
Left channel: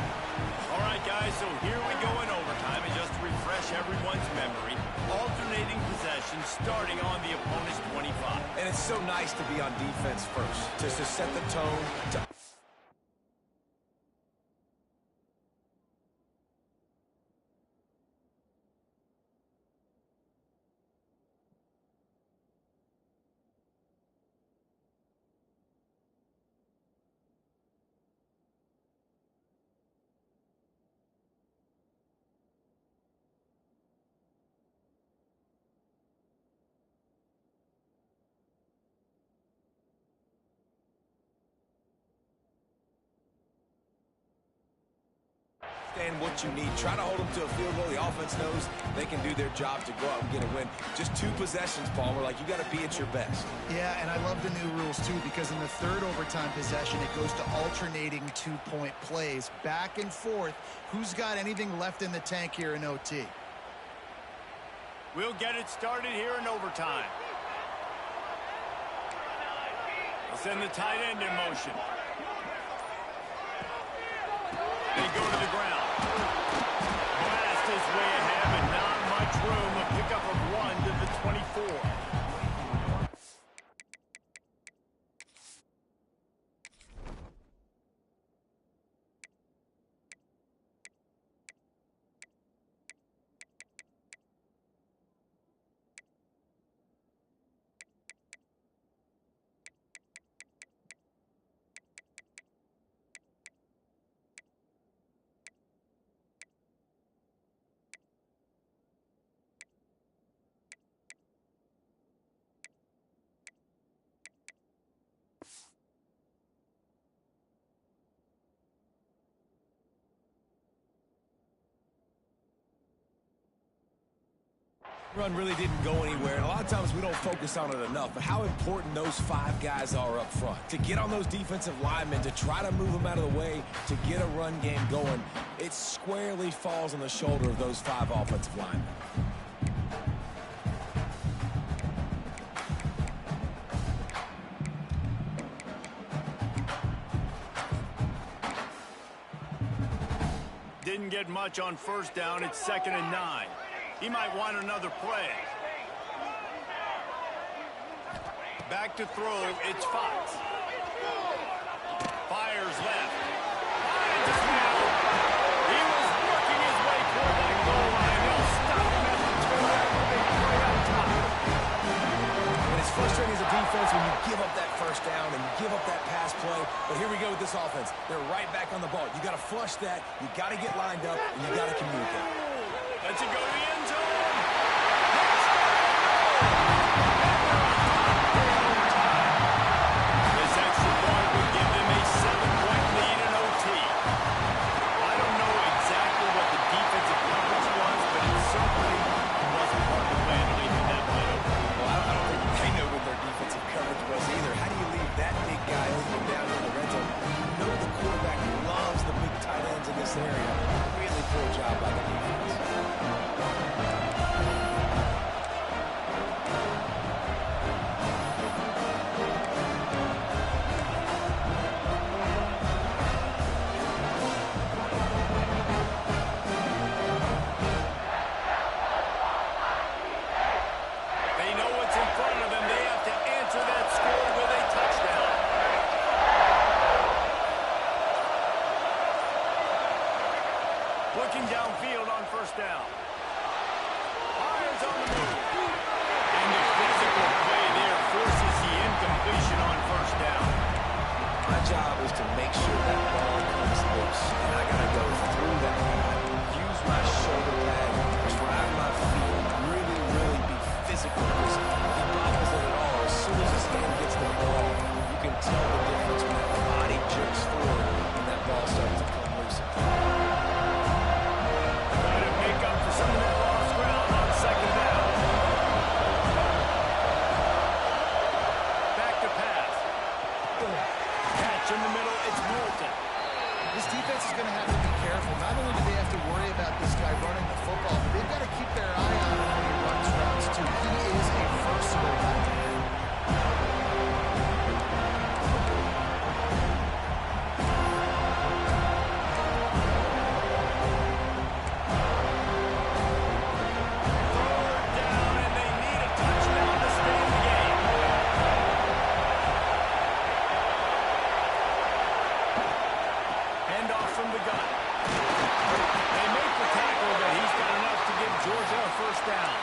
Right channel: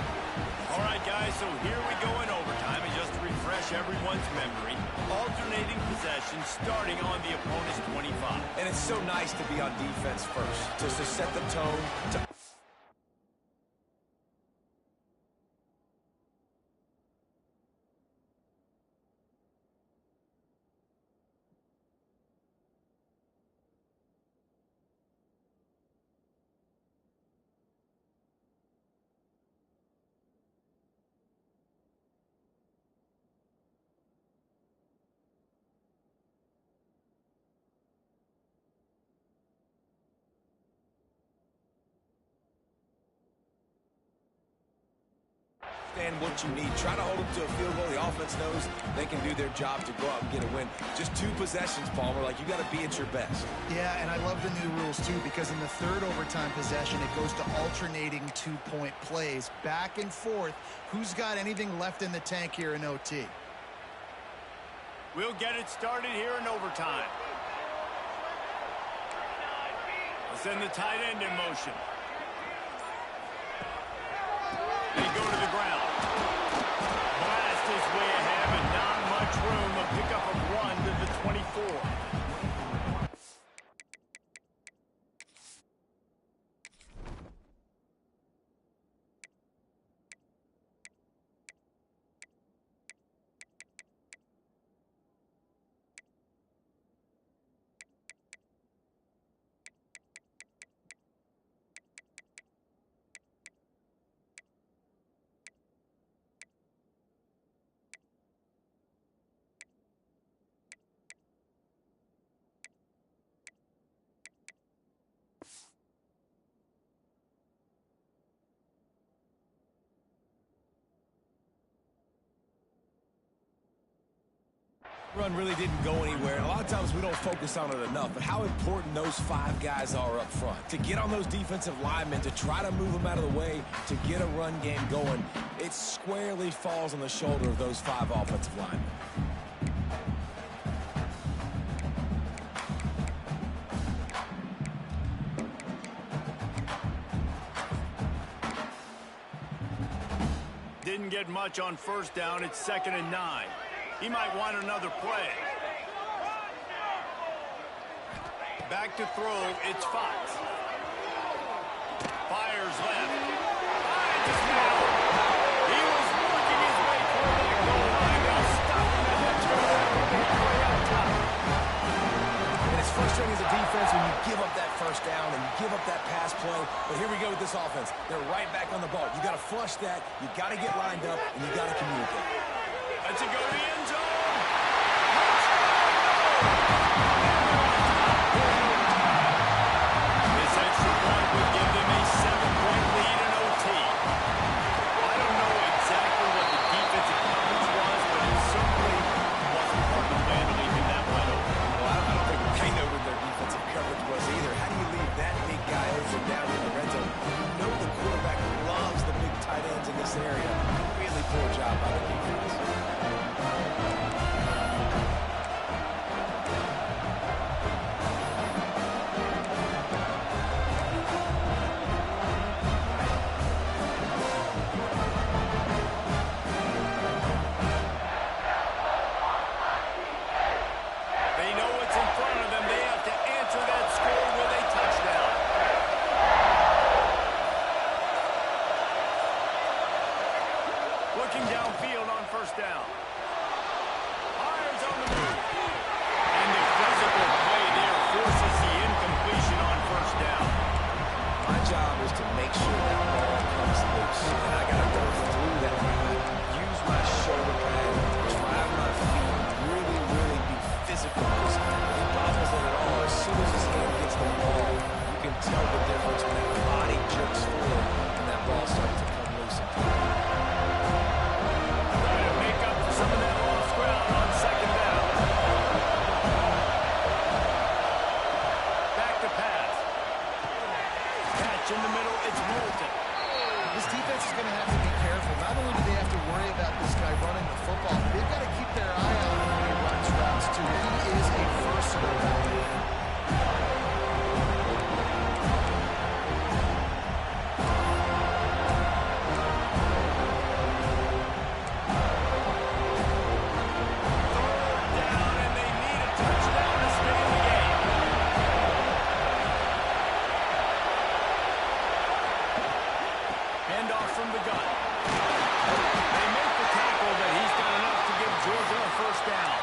All right, guys, so here we go in overtime, and just to refresh everyone's memory, alternating possession starting on the opponent's 25. And it's so nice to be on defense first, just to set the tone, to understand what you need. Try to hold them to a field goal. The offense knows they can do their job to go out and get a win. Just 2 possessions, Palmer. Like, you got to be at your best. Yeah, and I love the new rules, too, because in the 3rd overtime possession, it goes to alternating 2-point plays. Back and forth. Who's got anything left in the tank here in OT? We'll get it started here in overtime. They'll send the tight end in motion. They go to the ground. Blast his way ahead, but not much room. A pickup of 1 to the 24. Run really didn't go anywhere, and a lot of times we don't focus on it enough, but how important those 5 guys are up front. To get on those defensive linemen, to try to move them out of the way, to get a run game going, it squarely falls on the shoulder of those 5 offensive linemen. Didn't get much on 1st down. It's 2nd and 9. He might want another play. Back to throw, it's Fox. Fires left. Finds his man. He was working his way toward that goal line. They'll stop him at the 2 after they play up top. And it's frustrating as a defense when you give up that first down and you give up that pass play. But here we go with this offense. They're right back on the ball. You got to flush that. You got to get lined up, and you got to communicate. Lets it go to the end zone. Touchdown, no! And they're on top here in overtime. This extra point would give them a 7-point lead in OT. I don't know exactly what the defensive coverage was, but it certainly wasn't part of the plan to leave him that wide open. Well, I don't think they know what their defensive coverage was either. How do you leave that big guy open down in the red zone? You know the quarterback loves the big tight ends in this area. Really poor job by the defense. They know what's in front of them. They have to answer that score with a touchdown. Looking downfield on first down. Fires on the move. And the physical play there forces the incompletion on first down. My job is to make sure that ball comes loose. And I got to go through that guy, use my shoulder pad, drive my feet, really be physical. Because if he bobbles it at all, as soon as his hand gets the ball, you can tell the difference when that body jerks forward and that ball starts to come loose and play. Trying to make up for some of that lost ground on second down. Back to pass. Catch in the middle, it's Moulton. This defense is going to have to be careful. Not only do they have to worry about this guy running the football, but they've got to keep their eye on him when he runs routes, too. He is a versatile back. Third down, and they need a touchdown to stay in the game. Handoff from the gun. They make the tackle, but he's got enough to give Georgia a first down.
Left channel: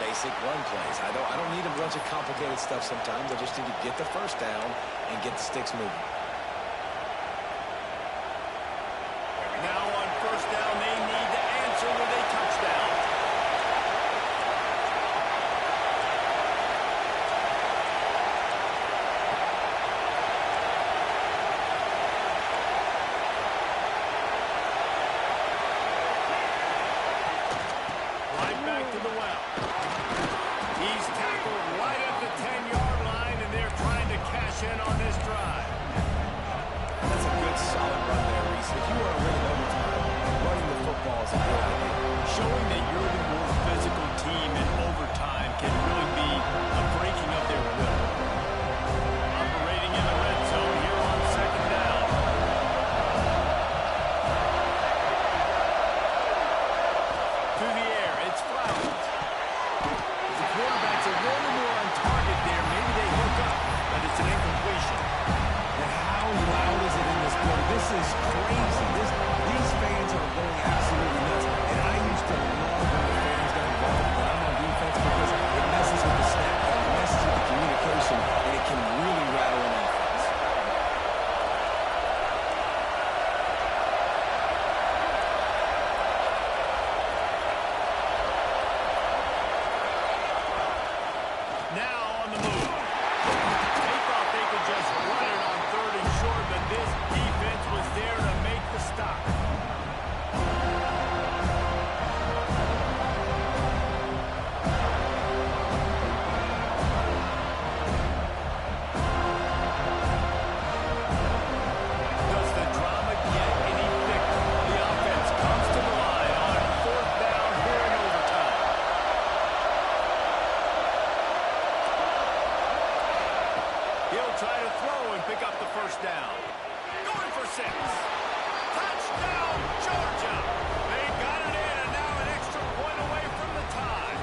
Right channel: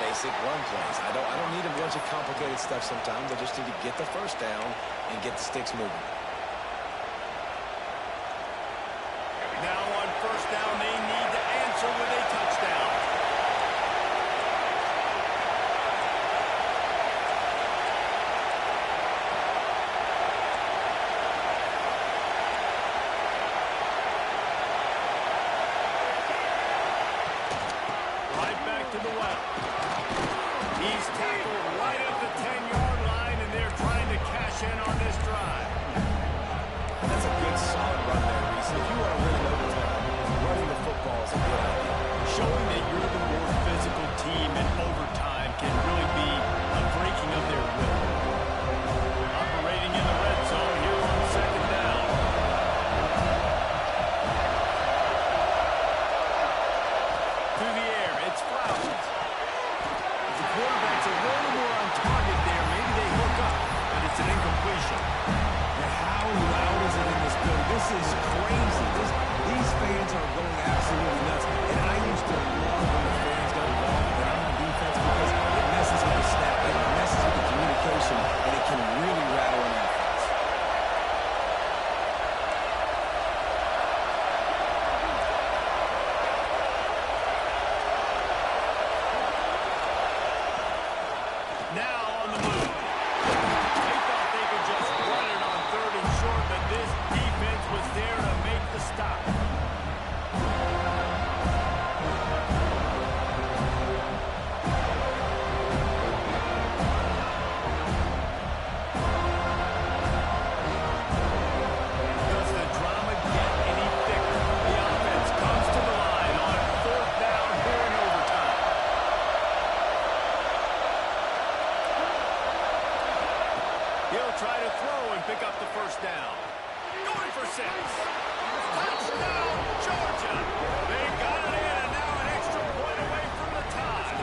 Basic run plays. I don't need a bunch of complicated stuff sometimes. I just need to get the first down and get the sticks moving. Now on first down, they need to answer with a touchdown. Right back to the well. He's tackled right at the 10-yard line, and they're trying to cash in on this drive. That's a good, solid run there, Reese. If you want to really overtime, running the football is a good idea. Showing that you're the more physical team in overtime can really be a breaking of their will. Operating in the red zone here on second down. Through the air, it's Flowers. The quarterback's a little more on target there. Maybe they hook up, but it's an incompletion. And how loud is it in this building? This is crazy. These fans are going absolutely nuts. And I used to love when the fans got involved when I'm on defense because it messes with the snap count, it messes with the communication, and it can really rattle an offense. Now on the move. They thought they could just run it on third and short, but this defense was there to make the stop. Does the drama get any thicker? The offense comes to the line on fourth down here in overtime. He'll try to throw and pick up the first down. Going for 6. Touchdown, Georgia. They got it in, and now an extra point away from the tie.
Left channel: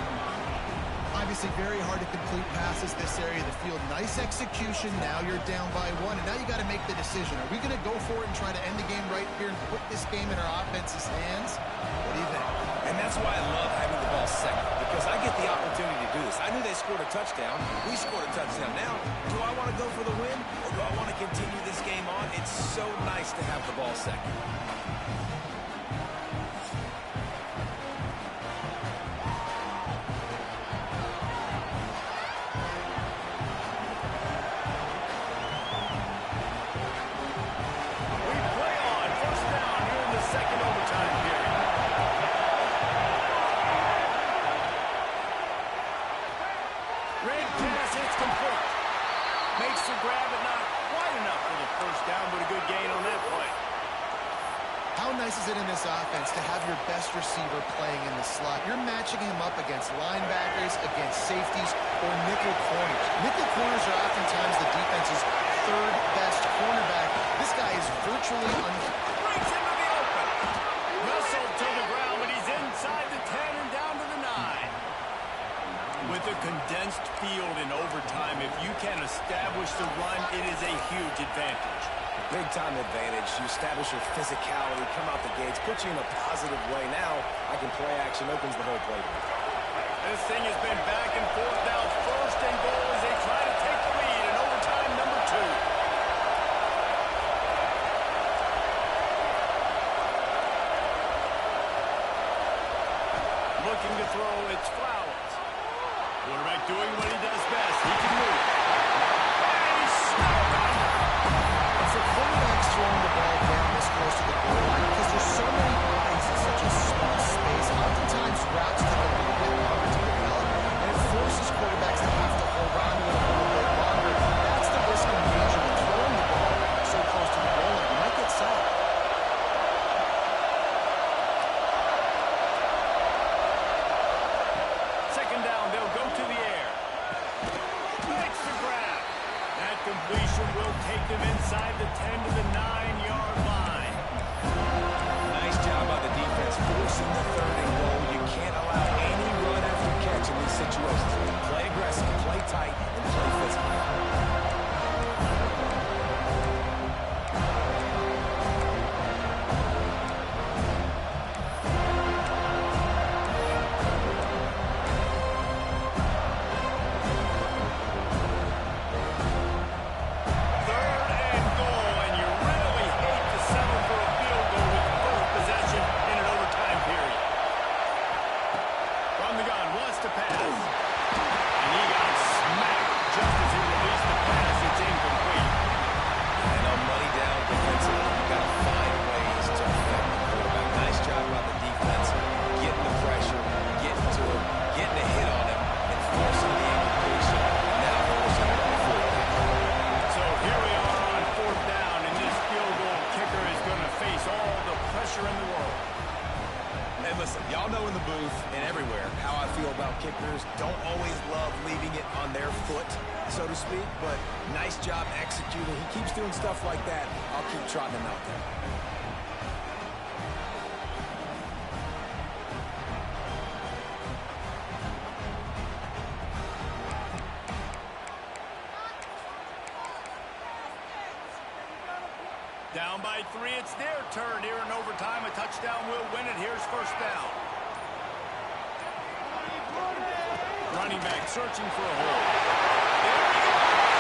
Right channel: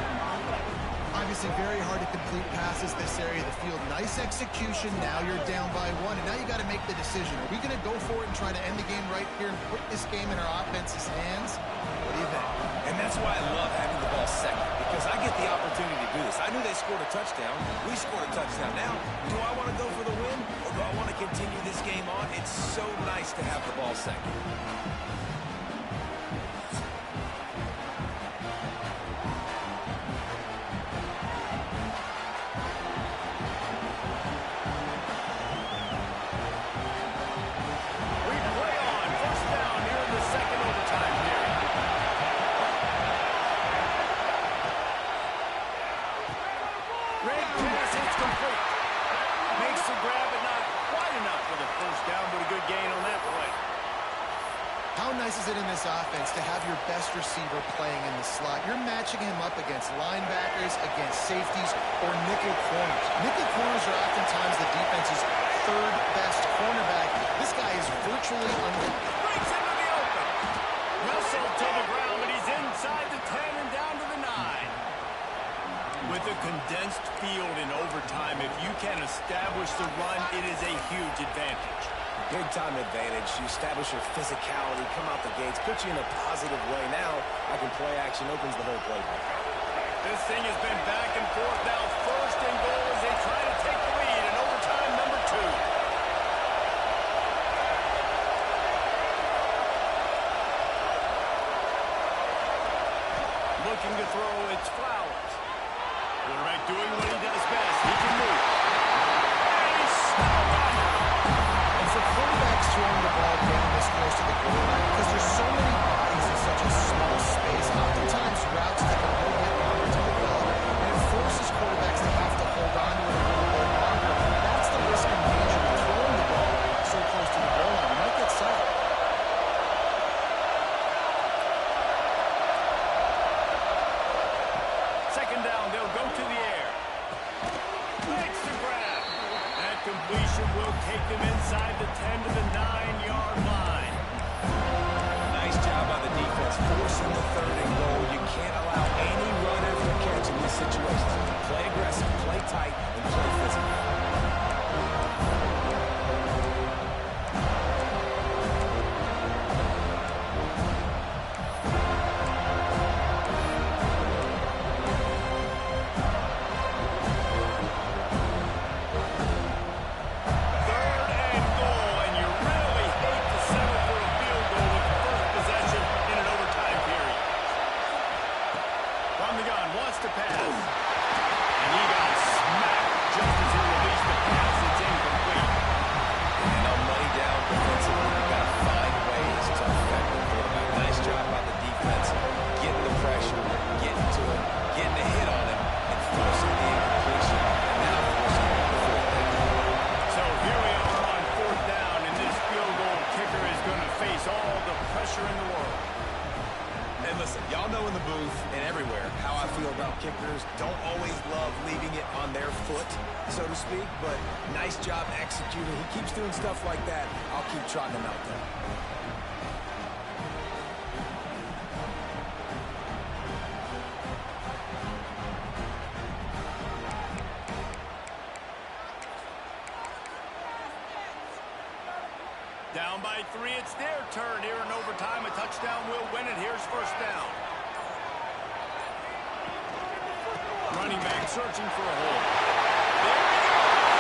obviously very hard to complete passes this area of the field. Nice execution. Now you're down by 1, and now you got to make the decision. Are we going to go for it and try to end the game right here and put this game in our offense's hands? What do you think? And that's why I love having the ball second, because I get the opportunity to do this. I knew they scored a touchdown. We scored a touchdown. Now, do I want to go for the win, or do I want to continue this game on? It's so nice to have the ball second. How nice is it in this offense to have your best receiver playing in the slot? You're matching him up against linebackers, against safeties, or nickel corners. Nickel corners are oftentimes the defense's third best cornerback. This guy is virtually breaks into the open. Wrestled to the ground, but he's inside the 10 and down to the 9. With a condensed field in overtime, if you can establish the run, it is a huge advantage. Big-time advantage. You establish your physicality, come out the gates, put you in a positive way. Now, I can play action, opens the whole playbook. This thing has been back and forth. Now first and goal as they try to take the lead in overtime number 2. Looking to throw, it's Flowers. Quarterback doing what he does best. He can move. And he's snowed under. For quarterbacks throwing the ball down this close to the goal line, because there's so many bodies in such a small space, oftentimes routes take a little bit longer to develop, and it forces quarterbacks to have to hold on to it a little bit longer. That's the risk and danger with throwing the ball so close to the goal line. You might get sacked. Second down, they'll go to the air. Makes the grab. That completion will take them inside the 10 to the 9-yard line. Nice job by the defense forcing the third and goal. You can't allow any run after catch in these situations. Play aggressive, play tight, and play physical. To pass. And he got smacked just as he released the pass. It's incomplete. And on money down defensively, you've got to find ways to affect the quarterback. Nice job by the defense, getting the pressure, getting to him, getting a hit on him, and forcing the incompletion, and now forcing the fourth down. So here we are on fourth down, and this field goal kicker is going to face all the pressure in the world. And listen, y'all know in the booth and everywhere how I feel about kickers. Don't always love leaving it on their foot, so to speak, but nice job executing. He keeps doing stuff like that. I'll keep trotting him out there. Down by 3, it's their turn here in overtime. A touchdown will win it. Here's first down. Running back searching for a hole. There he goes.